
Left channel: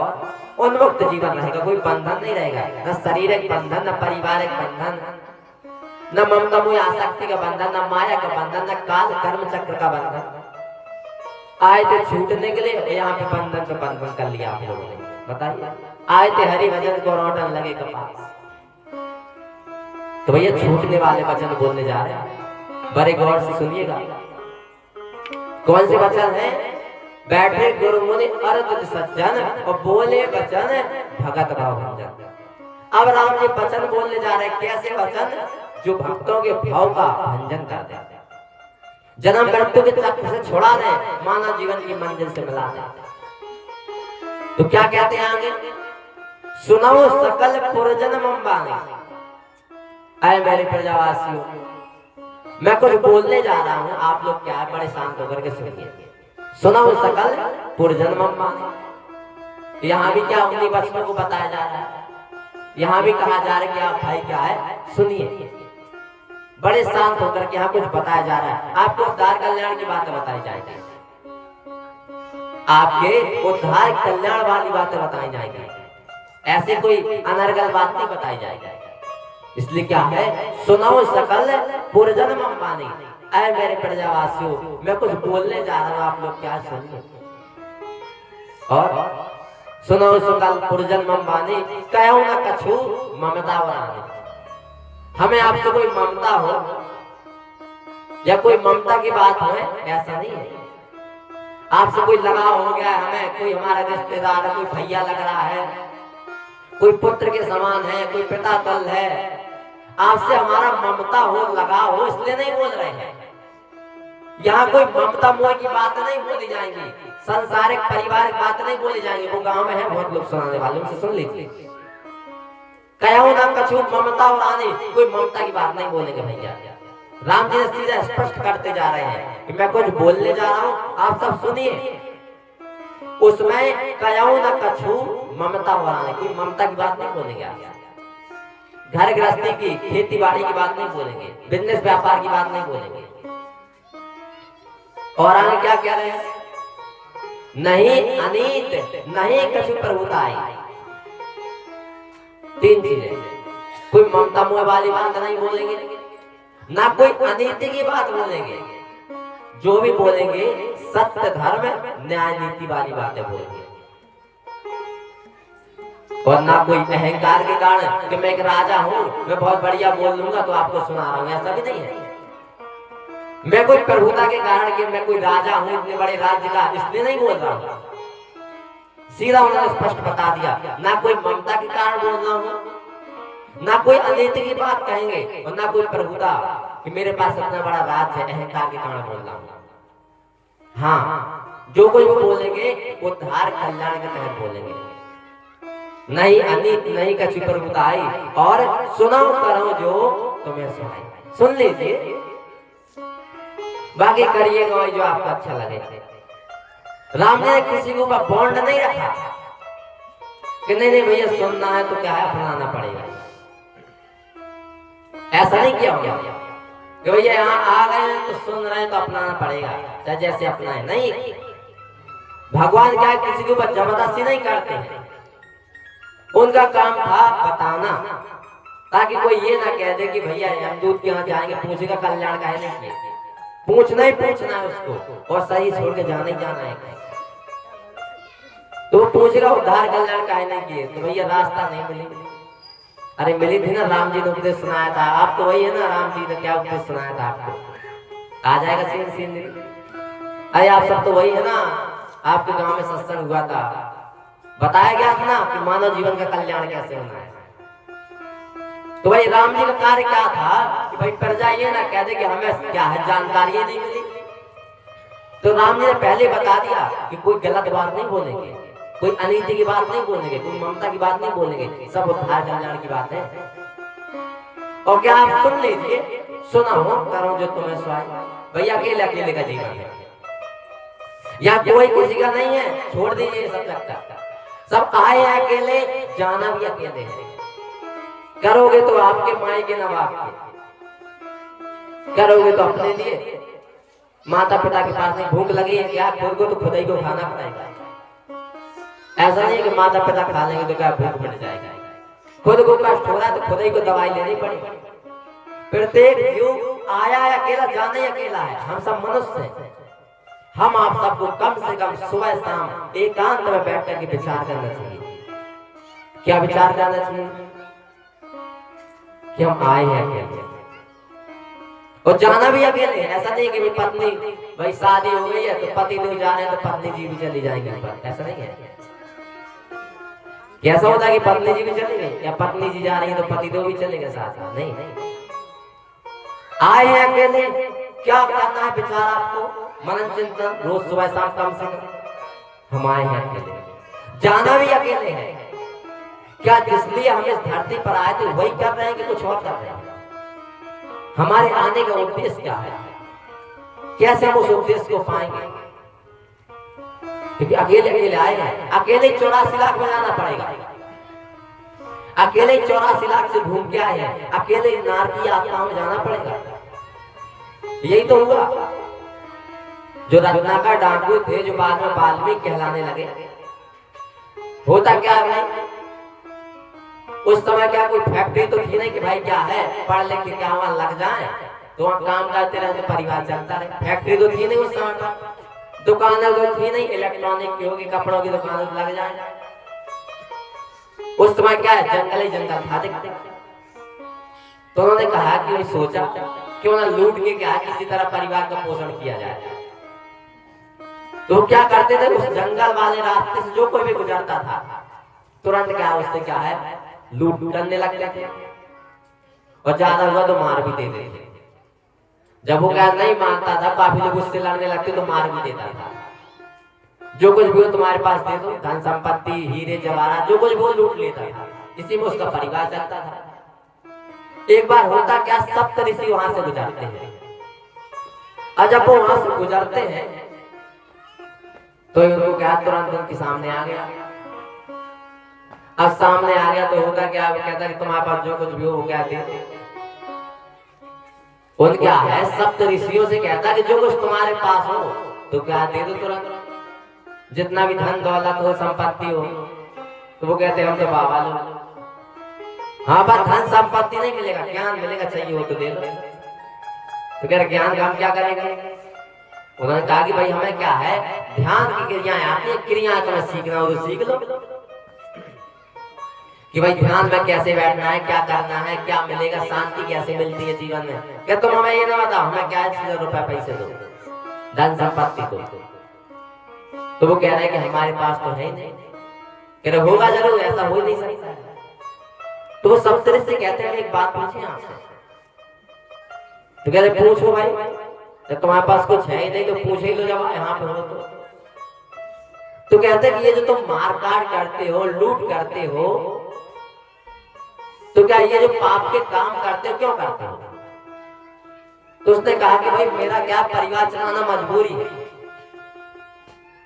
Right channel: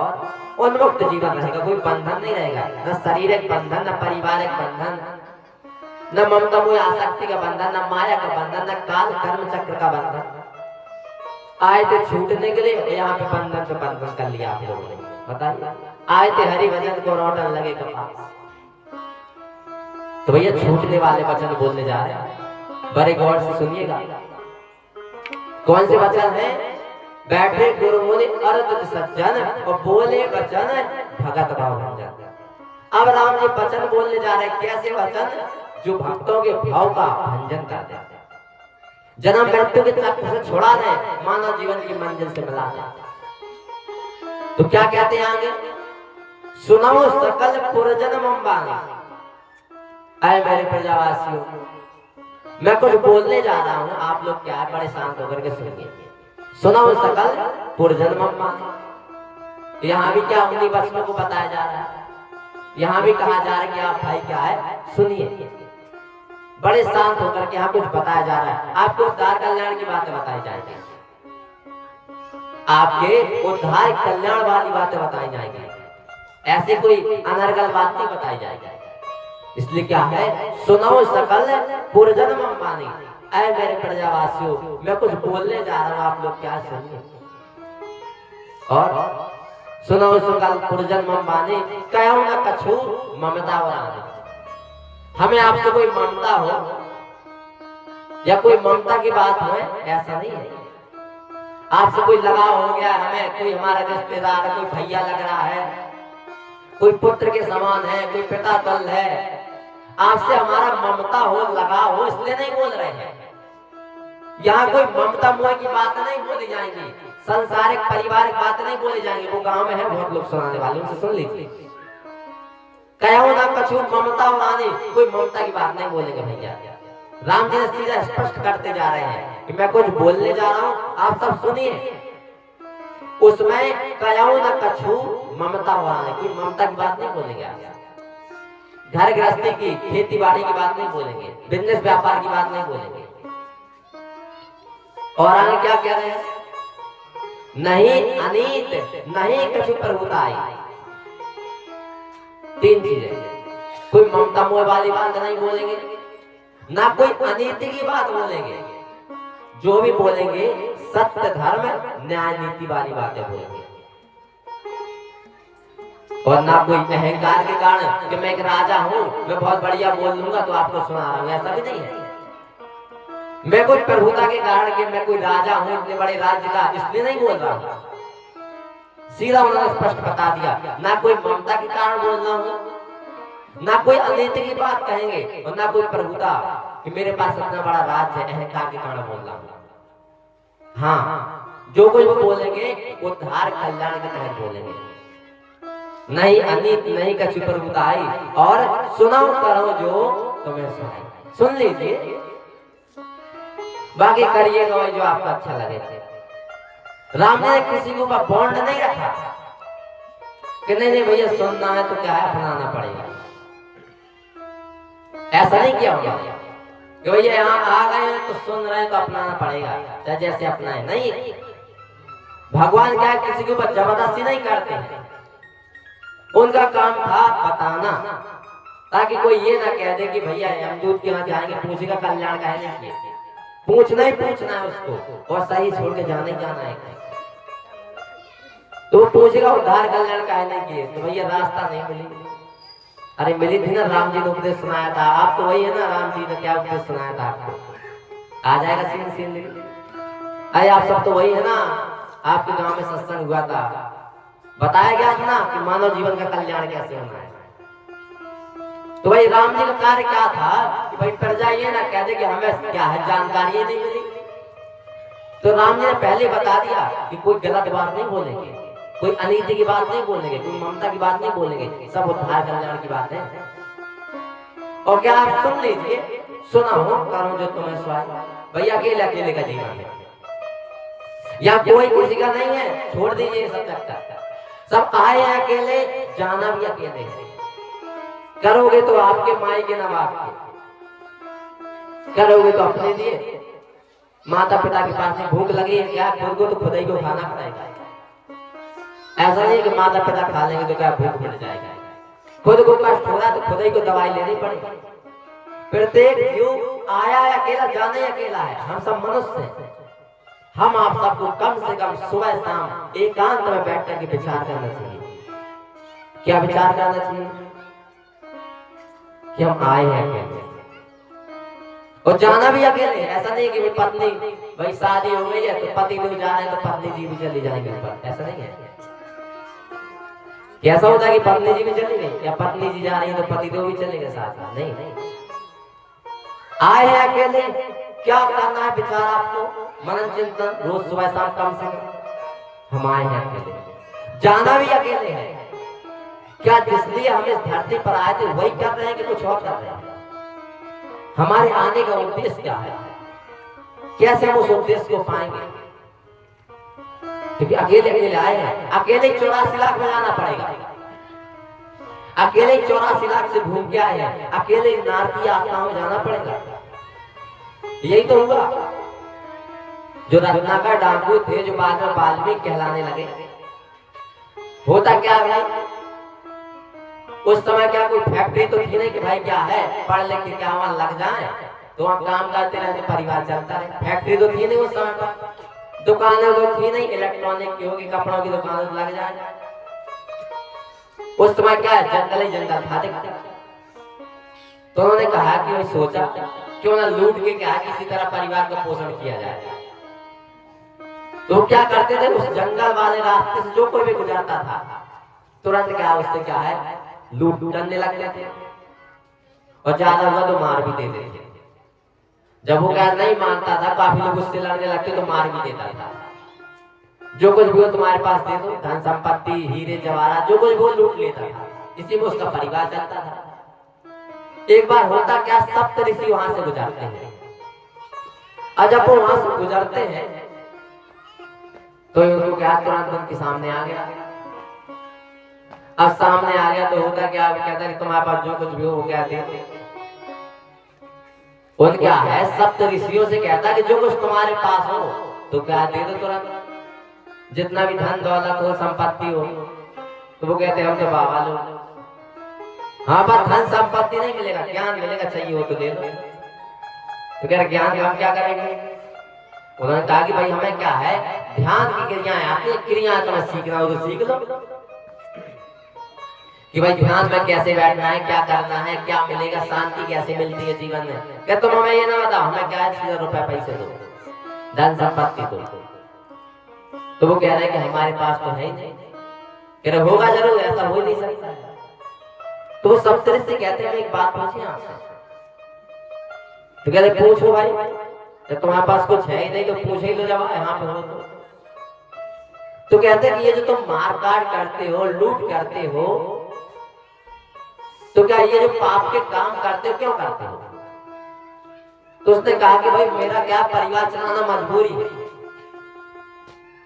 उन्मुक्त जीवन रहेगा, कोई बंधन नहीं रहेगा, न शारीरिक बंधन, न पारिवारिक बंधन, न ममता मोह आसक्ति का बंधन, न माया का बंधन, न काल कर्म चक्र का बंधन। आए थे छूटने के लिए, यहाँ पे बंधन से बंधन कर लिया आप लोगों ने। बताइए, आए थे हरि भजन को लौटने लगे कपास। तो भैया छूटने वाले वचन बोलने जा रहे हैं, बड़े गौर से सुनिएगा। कौन से वचन है, बैठे गुरु मुनि अर्ध सज्जन और बोले वचन भगत भाव भंजन। अब राम जी वचन बोलने जा रहे हैं, कैसे वचन, जो भक्तों के भाव का भंजन करते हैं, जन्म मृत्यु के चक्र से छुड़ा दे, मानव जीवन की मंजिल से मिला दे। तो क्या कहते हैं आगे, सुनो सकल पुरजन मम्बानी। ऐ मेरे प्रजावासियों, मैं कुछ बोलने जा रहा हूँ, आप लोग क्या बड़े शांत होकर के सुनिए। सुनो सकल पुरजन मम्बानी, यहाँ भी क्या उन्हीं वचनों को बताया जा रहा है, यहाँ भी कहा जा रहा है कि आप भाई क्या है, सुनिए, बड़े शांत होकर के यहाँ कुछ बताया जा रहा है। आपको उद्धार कल्याण की बातें बताई जाएगी, आपके उद्धार कल्याण वाली बातें बताई जाएगी, ऐसे कोई अनर्गल बात नहीं बताई जाएगी। इसलिए क्या है, सुनो सकल पुरजन मम्बानी। ऐ मेरे प्रजावासियों, मैं कुछ बोलने जा रहा हूँ, आप लोग क्या सुनिए। और सुनो सकल पुरजन मम्बानी, कहो न कछु ममता वरानी। हमें आपसे कोई ममता हो या कोई ममता की बात हो, ऐसा नहीं है। आपसे कोई लगाव हो गया, हमें कोई हमारा रिश्तेदार है, कोई भैया लग रहा है, कोई पुत्र के समान है, कोई पिता तुल्य है, आपसे हमारा ममता हो, लगाव हो, इसलिए नहीं बोल रहे हैं। यहाँ कोई ममता मोह की बात नहीं बोली जाएंगी, संसारिक पारिवारिक बात नहीं बोली जाएंगी। वो गांव में है बहुत लोग सुनाने वाले, उनसे सुन लीजिए। कहो ना कछु ममता वाली, कोई ममता की बात नहीं बोलेंगे भैया। राम जी सीधा स्पष्ट करते जा रहे हैं कि मैं कुछ बोलने जा रहा हूँ, आप सब सुनिए। उसमें कहो ना कछु ममता वाली, कोई ममता की बात नहीं बोलेंगे। घर गृहस्थी की, खेती बाड़ी की बात नहीं बोलेंगे, बिजनेस व्यापार की बात नहीं बोलेंगे। और आगे क्या कह रहे हैं? नहीं अनीत नहीं कछु प्रभुताई। तीन चीजें, कोई ममता मोह वाली बात नहीं बोलेंगे, ना कोई अनीति की बात बोलेंगे, जो भी बोलेंगे सत्य धर्म न्याय नीति वाली बातें बोलेंगे। और ना कोई अहंकार के कारण कि मैं एक राजा हूं, मैं बहुत बढ़िया बोल लूंगा तो आपको सुना रहा हूं, ऐसा भी नहीं है। मैं कोई प्रभुता के कारण कि मैं कोई राजा हूं इतने बड़े राज्य का, इसलिए नहीं बोल रहा हूं। सीधा उन्होंने स्पष्ट बता दिया, ना कोई ममता के कारण बोल रहा हूं, ना कोई अनीति की बात कहेंगे, और ना कोई प्रभुता कि मेरे पास इतना बड़ा राज्य है, अहंकार के कारण बोल रहा हूं। हाँ, जो कोई वो बोलेंगे वो धार कल्याण के तहत बोलेंगे। नहीं अनीत नहीं कछु प्रभुताई, और सुनो करो जो तुम्हें सुनाई। सुन लीजिए, बाकी करिएगा जो आपको अच्छा लगे। राम जी ने किसी के ऊपर बॉन्ड नहीं रखा कि नहीं नहीं भैया सुनना है तो क्या है अपनाना पड़ेगा, ऐसा नहीं किया होगा कि भैया यहाँ आ गए हैं तो सुन रहे हैं तो अपनाना पड़ेगा, चाहे जैसे अपना है। नहीं, भगवान क्या किसी के ऊपर जबरदस्ती नहीं करते हैं। उनका काम था बताना, ताकि कोई ये ना कह दे कि भैया यमदूत के यहाँ जाएंगे पूछेगा कल्याण का है नहीं किया। पूछना ही पूछना है उसको, और सही छोड़ के जाना ही जाना है। तो पूछेगा उद्धार कल्याण का है नहीं किए तो भैया रास्ता नहीं मिली। अरे मिली थी ना, राम जी ने उपदेश सुनाया था, आप तो वही है ना, राम जी ने क्या उपदेश सुनाया था आपको, आ जाएगा सीन सीन। अरे आप सब तो वही है ना, आपके गांव में सत्संग हुआ था, बताया गया था ना कि मानव जीवन का कल्याण कैसे होना है। तो भाई राम जी का कार्य क्या था कि भाई प्रजा ये ना कह दे कि हमें क्या है जानकारी नहीं मिली। तो राम जी ने पहले बता दिया कि कोई गलत बात नहीं बोलेंगे, कोई अनीति की बात नहीं बोलेंगे, कोई ममता की बात नहीं बोलेंगे, सब उद्धार कल्याण की बात है। और क्या आप सुन लीजिए, सुना हो करो जो तुम्हें सुनाए। भैया अकेले अकेले का जीवन है, या कोई किसी का नहीं है, छोड़ दीजिए सब लगता। सब आए हैं अकेले, जाना भी अकेले है। करोगे तो आपके माई के नवाब के, करोगे तो अपने लिए। माता पिता के पास में भूख लगी है क्या, खुद को तो खुद ही को खाना पड़ेगा। ऐसा नहीं कि माता पिता खा लेंगे तो क्या भूख मिट जाएगा। खुद को कष्ट हो रहा है तो खुद ही को दवाई लेनी पड़ेगी। प्रत्येक जीव आया है अकेला, जाने ही अकेला है। हम सब मनुष्य हैं। हम आप सबको कम से कम सुबह शाम एकांत में बैठ कर के विचार करना चाहिए। क्या विचार करना चाहिए कि हम आए हैं अकेले और जाना भी अकेले। ऐसा नहीं कि पत्नी भाई शादी हो गई है तो पति नहीं जा रहे तो पत्नी जी भी चली जाएंगे, ऐसा नहीं है। कैसा होता है कि पत्नी जी भी चली गई या पत्नी जी जा रही है तो पति तो भी चलेगा साथ में? नहीं, आए हैं अकेले। क्या करना है विचार आपको, मनन चिंतन रोज सुबह शाम कम से कम। हम आए हैं अकेले, जाना भी अकेले है। क्या जिसलिए हम इस धरती पर आए थे वही कर रहे हैं कि कुछ और कर रहे हैं? हमारे आने का उद्देश्य क्या है, कैसे हम उस उद्देश्य को पाएंगे? क्योंकि अकेले अकेले आए हैं। अकेले 84 लाख में जाना पड़ेगा, अकेले 84 लाख से घूम के आए हैं, अकेले नारकी आत्मा में जाना पड़ेगा। यही तो हुआ जो रत्नाकर डाकू थे जो बाद में वाल्मीकि कहलाने लगे। होता क्या भाई, उस समय क्या कोई फैक्ट्री तो थी नहीं कि भाई क्या है पढ़ लिख के क्या वहां लग जाए तो वहां काम करते रहते परिवार चलता है। फैक्ट्री तो थी नहीं उस समय पर, दुकानें तो थी नहीं, इलेक्ट्रॉनिक की होगी, कपड़ों की दुकान लग जाए। उस समय क्या है, जंगल ही जंगल था दिखते। तो उन्होंने कहा कि सोचा क्यों ना लूट के क्या किसी तरह परिवार का पोषण किया जाए। तो क्या करते थे, उस जंगल वाले रास्ते से जो कोई भी गुजरता था तुरंत क्या उससे क्या है लूट करने लगते थे, और ज्यादा हुआ तो मार भी देते थे। जब वो क्या नहीं मानता था, काफी लोग उससे लड़ने लगते तो मार भी देता था। जो कुछ भी हो तुम्हारे पास दे दो, धन संपत्ति हीरे जवाहरात जो कुछ भी वो लूट लेता था। इसी में उसका परिवार चलता था। एक बार होता क्या, सप्त ऋषि वहां से गुजरते हैं। और जब वो वहां से गुजरते हैं तो उनको क्या, तुरंत उनके सामने आ गया। अब सामने आ गया तो होता क्या, वो कहता है तुम्हारे पास जो कुछ भी हो क्या दे दो। और क्या है, सप्त ऋषियों से कहता है कि जो कुछ तुम्हारे पास हो तो क्या दे दो तुरंत, जितना भी धन दौलत हो संपत्ति हो। तो वो कहते हैं हम तो बाबा लोग, हाँ पर धन संपत्ति नहीं मिलेगा, ज्ञान मिलेगा, चाहिए हो तो दे दो। तो कह रहे ज्ञान का हम क्या करेंगे। उन्होंने कहा कि भाई हमें क्या है, ध्यान की क्रियाएं आती है, क्रियाएं तुम्हें सीखना हो तो सीख लो कि भाई ध्यान में कैसे बैठना है, क्या करना है, क्या मिलेगा, शांति कैसे मिलती है जीवन में। क्या तुम हमें ये ना बताओ, हमें क्या है, रुपया पैसे दो, धन संपत्ति दो। तो वो कह रहे हैं कि हमारे पास तो है ही नहीं। कह रहे होगा जरूर, ऐसा हो नहीं सकता। तो वो सब तरह से कहते हैं एक बात पूछे आपसे। तो कह रहे पूछो भाई, तो तुम्हारे पास कुछ है ही नहीं तो पूछ ही लो जब यहाँ पे हो तो कहते हैं कि ये जो तुम मारकाट करते हो, लूट करते हो, तो क्या ये जो पाप के काम करते हो क्यों करते हो। तो उसने कहा कि भाई मेरा क्या, परिवार चलाना मजबूरी है,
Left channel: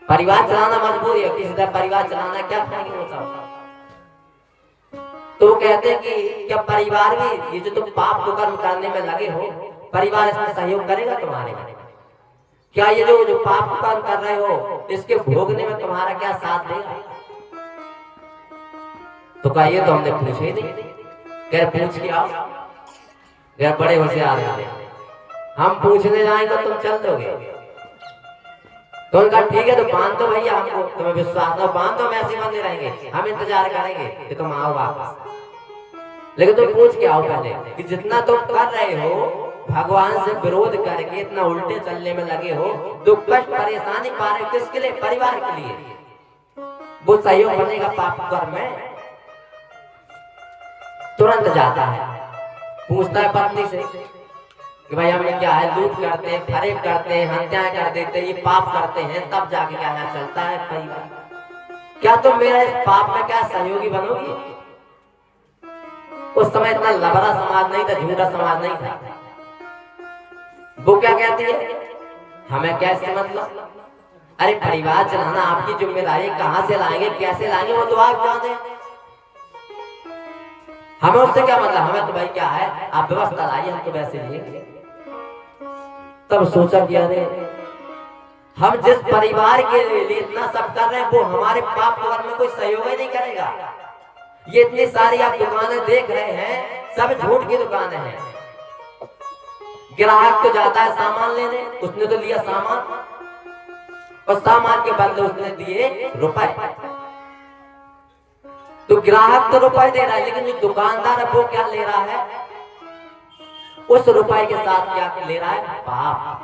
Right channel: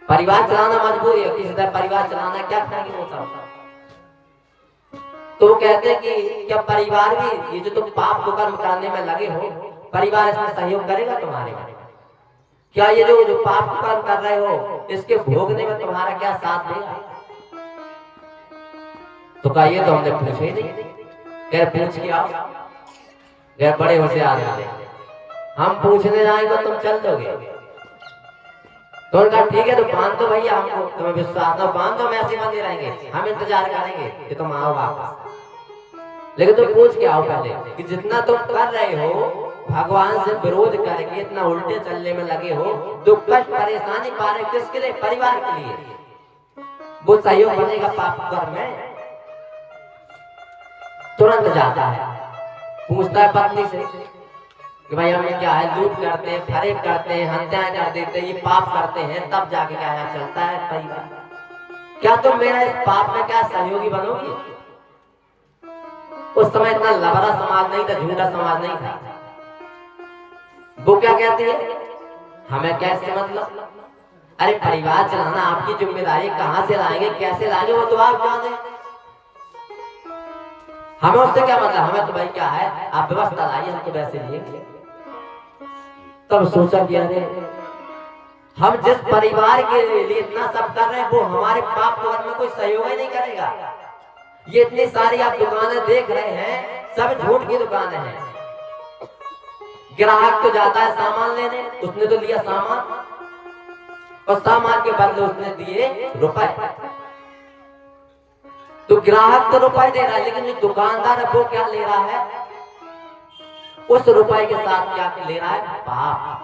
परिवार चलाना मजबूरी है, किसी तरह परिवार चलाना, क्या खाएंगे होता। तो कहते हैं कि क्या परिवार भी, ये जो तुम पाप को कर्म करने में लगे हो, परिवार इसमें सहयोग करेगा तुम्हारे। क्या ये जो पाप कर्म कर रहे हो इसके भोगने में तुम्हारा क्या साथ देगा। तो कहा ये तो हमने पूछे ही नहीं। क्या पूछ के आओ, क्या बड़े होशियार हैं, हम पूछने जाएंगे तुम चल दोगे। तो उनका ठीक है, तो बांध दो भैया, हमको तुम्हें विश्वास हो, बांध दो, वैसे बंधे रहेंगे, हम इंतजार करेंगे कि तुम आओ वापस। लेकिन तुम पूछ के आओ पहले कि जितना तुम कर रहे हो, भगवान से विरोध करके इतना उल्टे चलने में लगे हो, दुख कष्ट परेशानी पा रहे, किसके लिए, परिवार के लिए, वो सहयोग बनेगा पाप कर्म में। तुरंत जाता है, पूछता है पत्नी से कि भाई हमें क्या है, लूट करते हैं, फरेब करते हैं, हत्याएं कर देते हैं, ये पाप करते हैं, तब जाके क्या है चलता है परिवार। क्या तुम मेरा इस पाप में क्या सहयोगी बनोगी। उस समय इतना लबड़ा समाज नहीं था, झूठा समाज नहीं था। वो क्या कहती है, हमें कैसे मतलब, अरे परिवार चलाना आपकी जिम्मेदारी, कहां से लाएंगे कैसे लाएंगे वो तो आप जाने, हमें उससे क्या मतलब, हमें तो भाई क्या है, आप व्यवस्था लाइए, हम तो वैसे लेंगे। तब सोचा कि अरे हम जिस परिवार के लिए इतना सब कर रहे हैं, वो हमारे पाप कर्म में कोई सहयोग ही नहीं करेगा। ये इतनी सारी आप दुकानें देख रहे हैं, सब झूठ की दुकानें हैं। ग्राहक तो जाता है सामान लेने, उसने तो लिया सामान, और सामान के बदले उसने दिए रुपए। तो ग्राहक तो रुपए दे रहा है, लेकिन जो दुकानदार है वो क्या ले रहा है, उस रुपए के साथ क्या ले रहा है, पाप।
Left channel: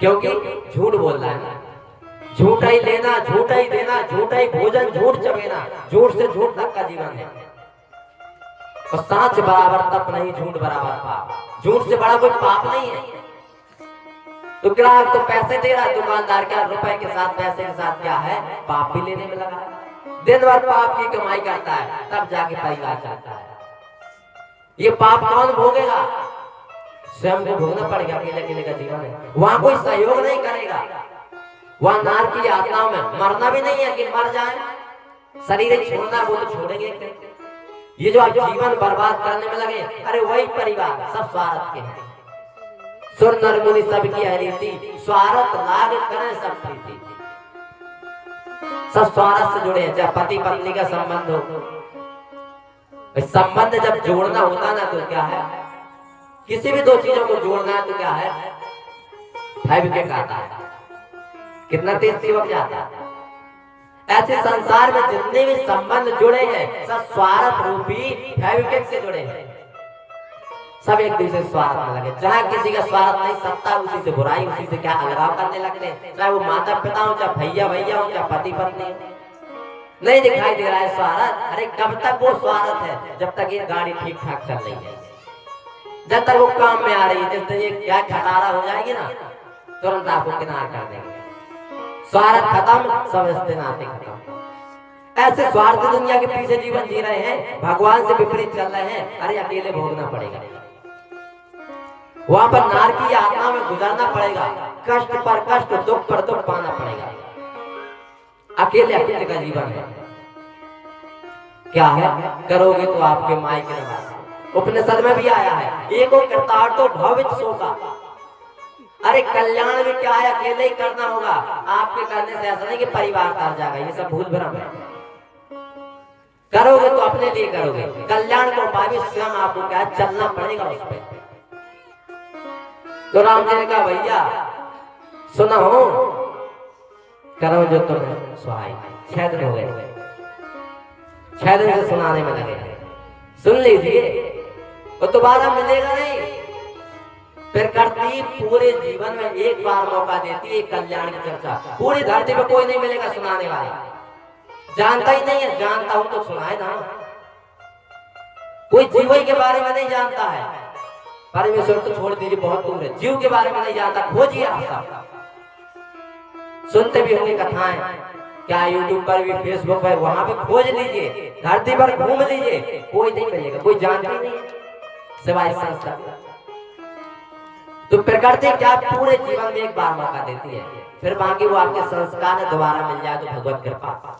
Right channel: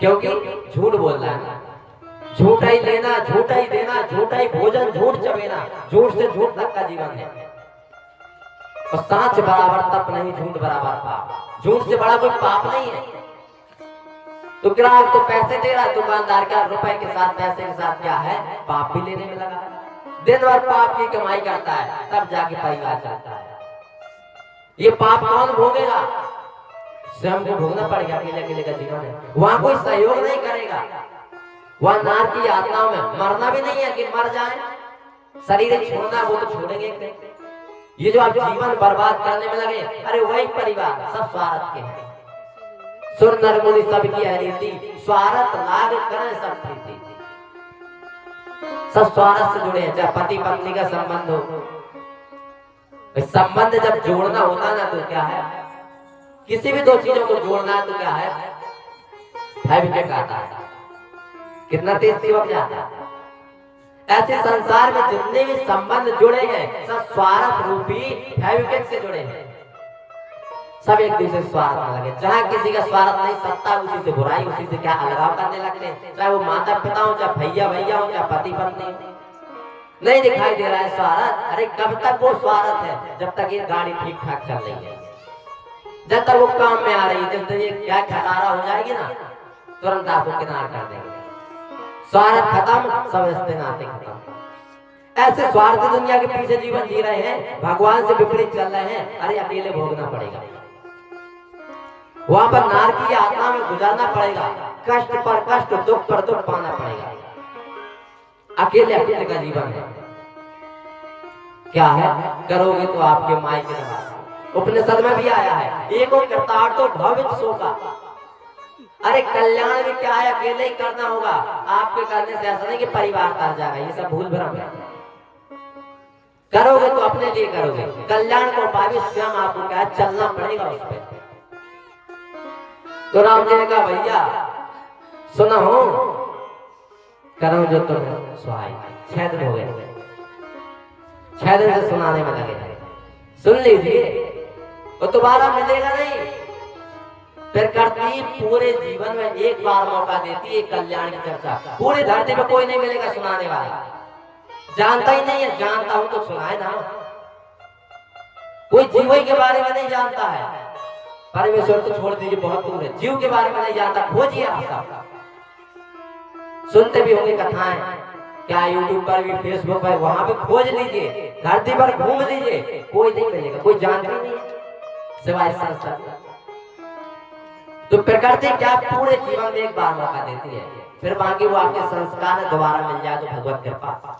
क्योंकि झूठ बोल रहा है, झूठा ही लेना, झूठा ही देना, झूठा ही भोजन, झूठ चबेना, झूठ से झूठ तक का जीवन है। और सच बराबर तप नहीं, झूठ बराबर पाप, झूठ से बड़ा कोई पाप नहीं है। तो ग्राहक तो पैसे दे रहा है, दुकानदार क्या रुपए के साथ, पैसे के साथ क्या है, पाप भी लेने में लगा, दिन भर पाप की कमाई करता है, तब जाके परिवार चलता है। ये पाप कौन भोगेगा, स्वयं को भोगना पड़ेगा, अकेले अकेले का जीवन है। वहां कोई सहयोग नहीं करेगा, वहां नार की यातनाओं में मरना भी नहीं है कि मर जाए, शरीर छोड़ना वो तो छोड़ेंगे। ये जो आप जीवन बर्बाद करने में लगे, अरे वही परिवार सब स्वार्थ के हैं। सुर नर मुनि सबकी है रीति, स्वार्थ लाग करें सब प्रीति, सब स्वार्थ से जुड़े हैं। चाहे पति पत्नी का संबंध हो, संबंध जब जोड़ना होता ना तो क्या है, किसी भी दो चीजों को जोड़ना तो क्या है, फेविक्विक आता है, कितना तेज चिपक जाता है। ऐसे संसार में जितने भी संबंध जुड़े हैं, सब स्वार्थ रूपी फेविक्विक से जुड़े हैं। सब एक दूसरे स्वार्थ में लगे, जहाँ किसी का स्वार्थ नहीं, सत्ता उसी से बुराई, उसी से क्या अलगाव करने लगते हैं। चाहे वो माता पिता हो, चाहे भैया भैया हो, चाहे पति पत्नी हो, नहीं दिखाई दे रहा है स्वार्थ। अरे कब तक वो स्वार्थ है, जब तक ये गाड़ी ठीक ठाक चल रही है। जब तक वो काम में आ रही है, जब ये क्या खटारा हो जाएगी ना, तुरंत आपको किनारा कर देंगे। स्वार्थ खत्म, सब रिश्ते नाते खत्म। ऐसे स्वार्थी दुनिया के पीछे जीवन जी रहे हैं, भगवान से विपरीत चल रहे हैं, अरे अकेले भोगना पड़ेगा, वहां पर नार की आत्मा में गुजरना पड़ेगा, कष्ट पर कष्ट, दुख पर दुख पाना पड़ेगा। अकेले अकेले का जीवन है। क्या है, करोगे तो आपके माई के नाम। उपनिषद में भी आया है, एको करतार तो भविष्य शोका। अरे कल्याण भी क्या है, अकेले ही करना होगा। आपके करने से ऐसा नहीं कि परिवार तर जाएगा, ये सब भूल भ्रम है। करोगे तो अपने लिए करोगे, कल्याण को पावे स्वयं आपको क्या चलना पड़ेगा उस पर। तो राम जी ने कहा भैया सुनो, करो जो तुम सुहाई। 6 दिन हो गए, 6 दिन से सुनाने में लगे, सुन लीजिए, वो दोबारा मिलेगा नहीं। फिर करती पूरे जीवन में एक बार मौका देती है कल्याण की चर्चा। पूरी धरती में कोई नहीं मिलेगा सुनाने वाला, जानता ही नहीं है, जानता हूं तो सुनाए ना। कोई जीव के बारे में नहीं जानता है, परमेश्वर को छोड़ दीजिए, बहुत दूर है। जीव के बारे में नहीं जानता, खोजिए आप सब। सुनते भी होंगे कथाएं, क्या यूट्यूब पर भी, फेसबुक पर, वहां पे खोज लीजिए, धरती पर घूम लीजिए, कोई नहीं मिलेगा, कोई जानता नहीं सिवाय संस्था। तो प्रकृति क्या पूरे जीवन में एक बार मौका देती है, फिर बाकी वो आपके संस्कार दोबारा मिल जाए तो भगवत कृपा।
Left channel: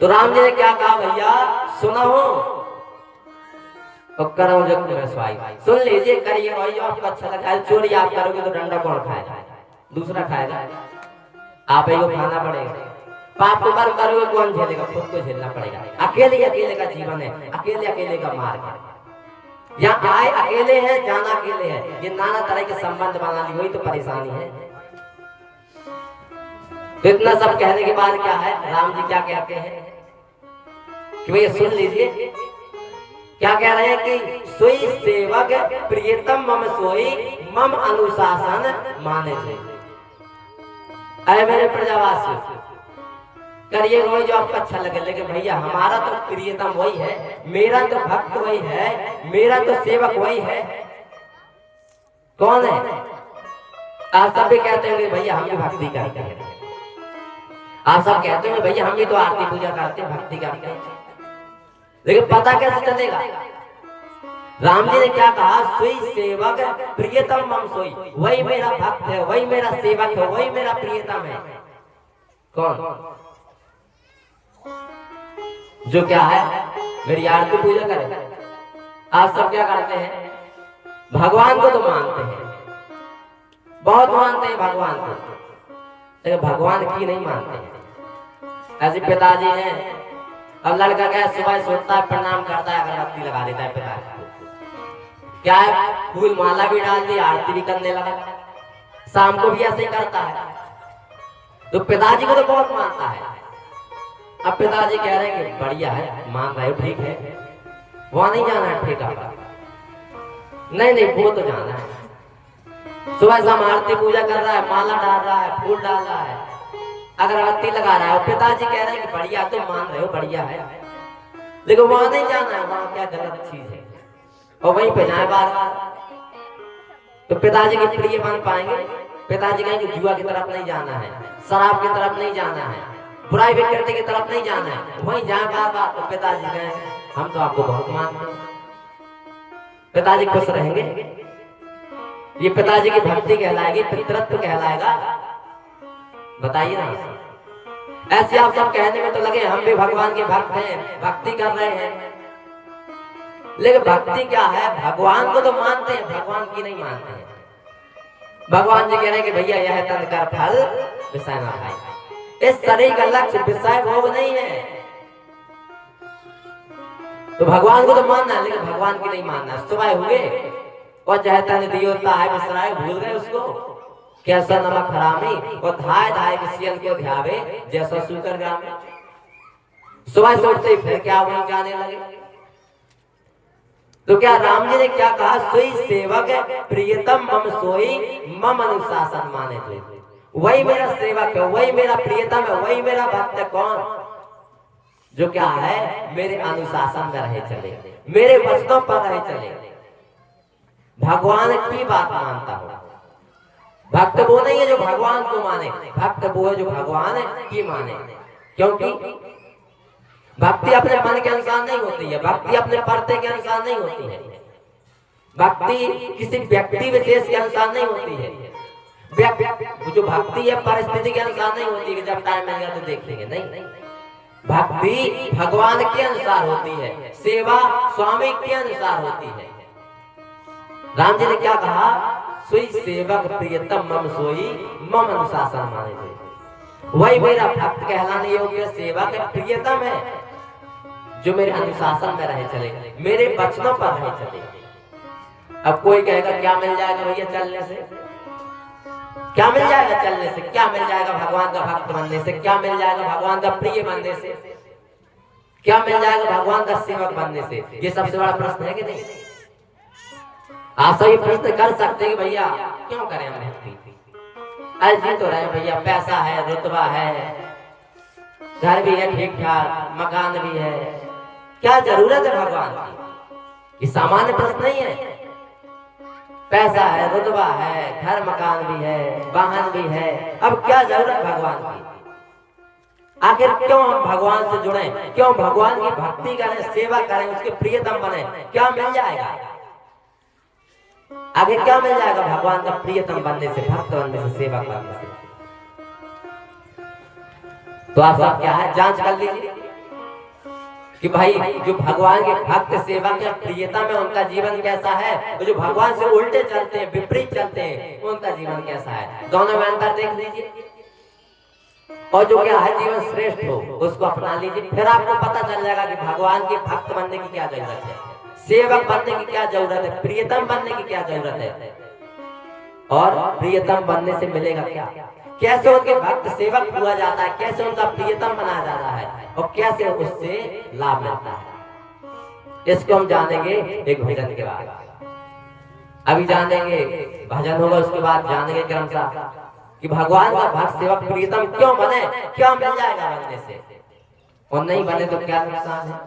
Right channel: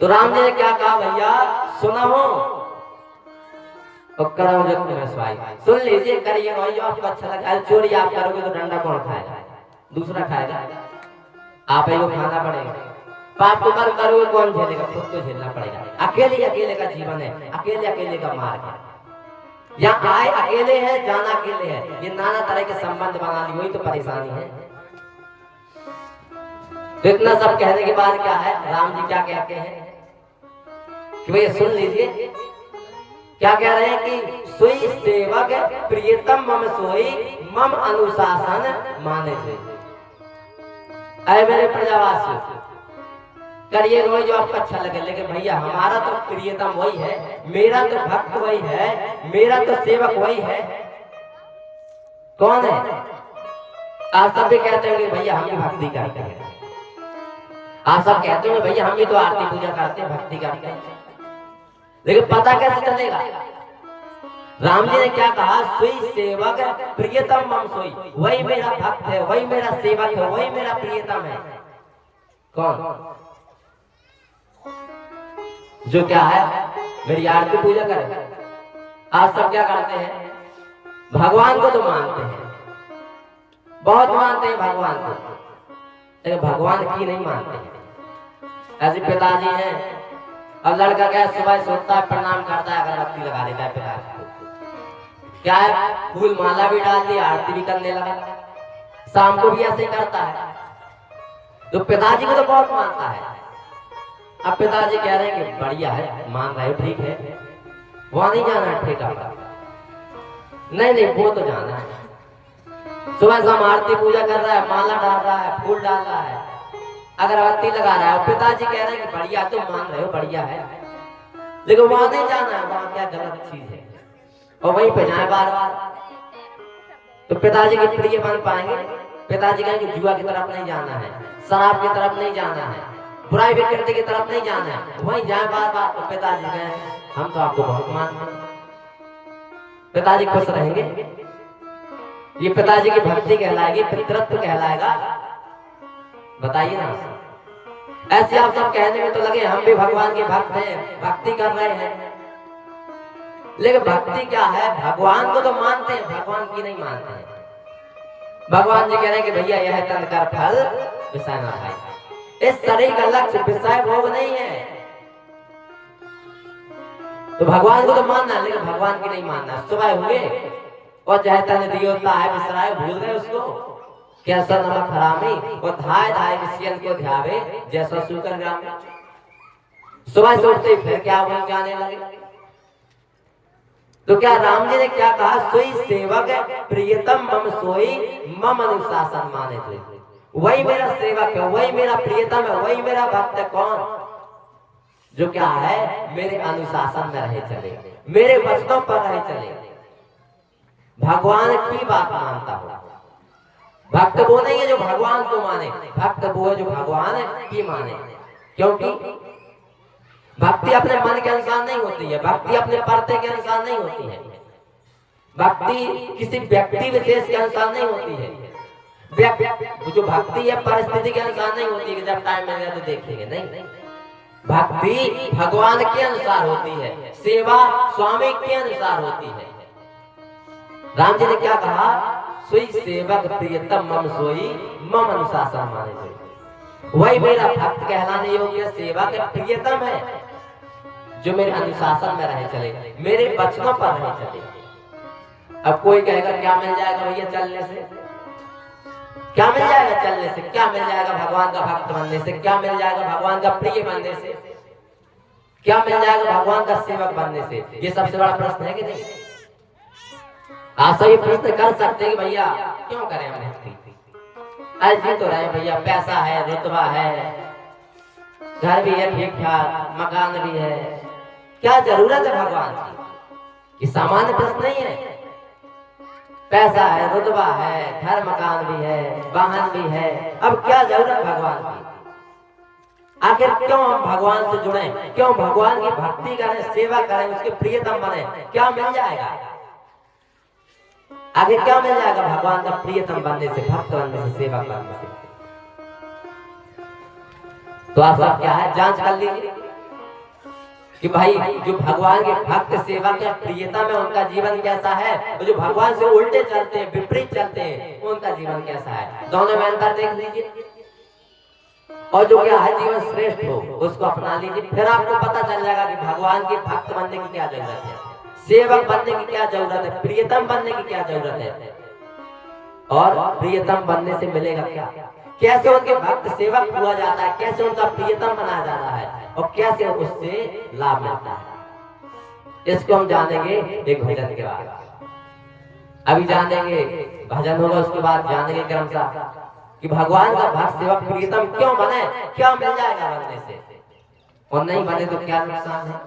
तो राम जी ने क्या कहा भैया सुनो, और करो जो तुम्हें सुहाई। सुन लीजिए, करिए वही जो आपको अच्छा लगता है। चोरी आप करोगे तो डंडा कौन खाएगा, दूसरा खाएगा, आप ही को खाना पड़ेगा। पाप को कर्म करोगे कौन झेलेगा, खुद को झेलना पड़ेगा। अकेले अकेले का जीवन है, अकेले अकेले का मार्ग है। यहाँ आए अकेले है, जाना अकेले है, ये नाना तरह के संबंध बना ली, वही तो परेशानी है। तो इतना सब कहने के बाद क्या है, राम जी क्या कहते हैं, तो ये सुन लीजिए क्या कह रहे हैं कि सोई सेवक प्रियतम मम सोई मम अनुशासन माने थे। अरे मेरे प्रजावासी, करिए वही जो आपको अच्छा लगे, लेकिन भैया हमारा तो प्रियतम वही है, मेरा तो भक्त वही है, मेरा तो सेवक वही है। कौन है? आप सब भी कहते हैं भैया हम भी भक्ति करते हैं, आप सब कहते हैं भैया हम भी तो आरती पूजा करते हैं, भक्ति करते हैं, लेकिन पता कैसे चलेगा? राम जी ने क्या कहा, सोई सेवक प्रियतम मम सोई, वही मेरा भक्त है, वही मेरा सेवक है, वही मेरा प्रियतम है। कौन? जो क्या है, मेरी आरती पूजा करे। आप सब क्या करते हैं, भगवान को तो मानते हैं, बहुत मानते हैं भगवान को, लेकिन भगवान की नहीं मानते हैं। ऐसे पिताजी हैं, अब लड़का क्या सुबह सोता है, प्रणाम करता है, अगरबत्ती लगा देता है पिताजी को, क्या है फूल माला भी डाल दी, आरती भी करने लगा, शाम को भी ऐसे ही करता है। तो पिताजी को तो बहुत मानता है। अब पिताजी कह रहे हैं कि बढ़िया है, मान रहे हो, ठीक है, वहां नहीं जाना है ठेका, नहीं नहीं वो तो जाना है। सुबह शाम आरती पूजा कर रहा है, माला डाल रहा है, फूल डाल रहा है, अगरबत्ती लगा रहा है, पिताजी कह रहे हैं कि बढ़िया, तुम मान रहे हो, बढ़िया है, लेकिन वहां नहीं जाना है, वहां क्या गलत चीज है, और वहीं पे जाए बार बार। तो पिताजी के प्रिय बन पाएंगे? पिताजी कहेंगे जुआ की तरफ नहीं जाना है, शराब की तरफ नहीं जाना है, बुराई विकृति की तरफ नहीं जाना है, वहीं जाए बार बार। तो पिताजी कहेंगे हम तो आपको बहुत मानते हैं। पिताजी खुश रहेंगे? ये पिताजी की भक्ति कहलाएगी, पितृत्व कहलाएगा? बताइए ना। ऐसे आप सब कहने में तो लगे हम भी भगवान के भक्त हैं, भक्ति कर रहे हैं, लेकिन भक्ति क्या है? भगवान को तो मानते हैं, भगवान की नहीं मानते हैं। भगवान जी कह रहे हैं कि भैया यह तन का फल विषय ना खाए, इस शरीर का लक्ष्य विषय भोग नहीं है। तो भगवान को तो मानना है, लेकिन भगवान की नहीं मानना। सुबह हुए और जहतन दियोता है विसराय, भूल गए उसको, कैसा नमक हरामी, और धाय धाय किसियन को ध्यावे जैसा सूकर ग्रामे। सुबह से उठते फिर क्या वहीं जाने लगे। तो क्या राम जी ने क्या कहा, सोई सेवक प्रियतम मम सोई मम अनुशासन माने थे। वही मेरा सेवक है, वही मेरा प्रियतम है, वही मेरा भक्त है। कौन? जो क्या है, मेरे अनुशासन में रहे चले, मेरे वचनों पर रहे चले। भगवान की बात मानता हो। भक्त वो नहीं है जो भगवान को माने, भक्त वो है जो भगवान की माने। क्योंकि भक्ति अपने मन के अनुसार नहीं होती है, भक्ति अपने पर्दे के अनुसार नहीं होती है, भक्ति किसी व्यक्ति विशेष के अनुसार नहीं होती है। जो भक्ति है परिस्थिति के अनुसार नहीं होती है, जब टाइम मिलेगा तो देखेंगे। नहीं, भक्ति भगवान के अनुसार होती है, सेवा स्वामी के अनुसार होती है। राम जी ने क्या कहा, सोई सेवक प्रियतम मम सोई मम अनुशासन माने। वही मेरा भक्त कहलाने योग्य सेवक प्रियतम है, जो मेरे अनुशासन में रहे चले, मेरे वचनों पर रहे चले। अब कोई कहेगा क्या मिल जाएगा भैया चलने से, क्या मिल जाएगा चलने से, क्या मिल जाएगा भगवान का भक्त बनने से, क्या मिल जाएगा भगवान का प्रिय बनने से, क्या मिल जाएगा भगवान का सेवक बनने से? ये सबसे बड़ा प्रश्न है कि नहीं? आप सभी प्रश्न कर सकते हैं कि भैया क्यों करें भक्ति, ऐसे तो रहे भैया, पैसा है, रुतबा है, घर भी है ठीक ठाक, मकान भी है, क्या जरूरत है भगवान की? ये सामान्य प्रश्न नहीं है। पैसा है, रुतबा है, घर मकान भी है, वाहन भी है, अब क्या जरूरत भगवान की? आखिर क्यों हम भगवान से जुड़े, क्यों भगवान की भक्ति करें, सेवा करें, उसके प्रियतम बने? क्या मिल जाएगा आगे, क्या मिल जाएगा भगवान का प्रियतम बनने से, भक्त बनने से, सेवा करने से? तो आप सब क्या है, जांच कर लीजिए कि भाई जो भगवान के भक्त सेवा के प्रियता में उनका जीवन कैसा है, जो भगवान से उल्टे चलते हैं, विपरीत चलते हैं, उनका जीवन कैसा है। दोनों में अंतर देख लीजिए, और जो क्या है जीवन श्रेष्ठ हो उसको अपना लीजिए। फिर आपको पता चल जाएगा कि भगवान के भक्त बनने की क्या जरूरत है, सेवक बनने की क्या जरूरत है, प्रियतम बनने की क्या जरूरत है, और प्रियतम बनने से मिलेगा क्या, कैसे उनके भक्त सेवक हुआ जाता है, कैसे उनका प्रियतम बनाया जाता है, और कैसे उससे लाभ मिलता है। इसको हम जानेंगे एक भजन के बाद। अभी जानेंगे भजन होगा, उसके बाद जानेंगे क्रमशः कि भगवान का भक्त सेवक प्रियतम क्यों बने, क्या मिल जाएगा बनने से, और नहीं बने तो क्या नुकसान है।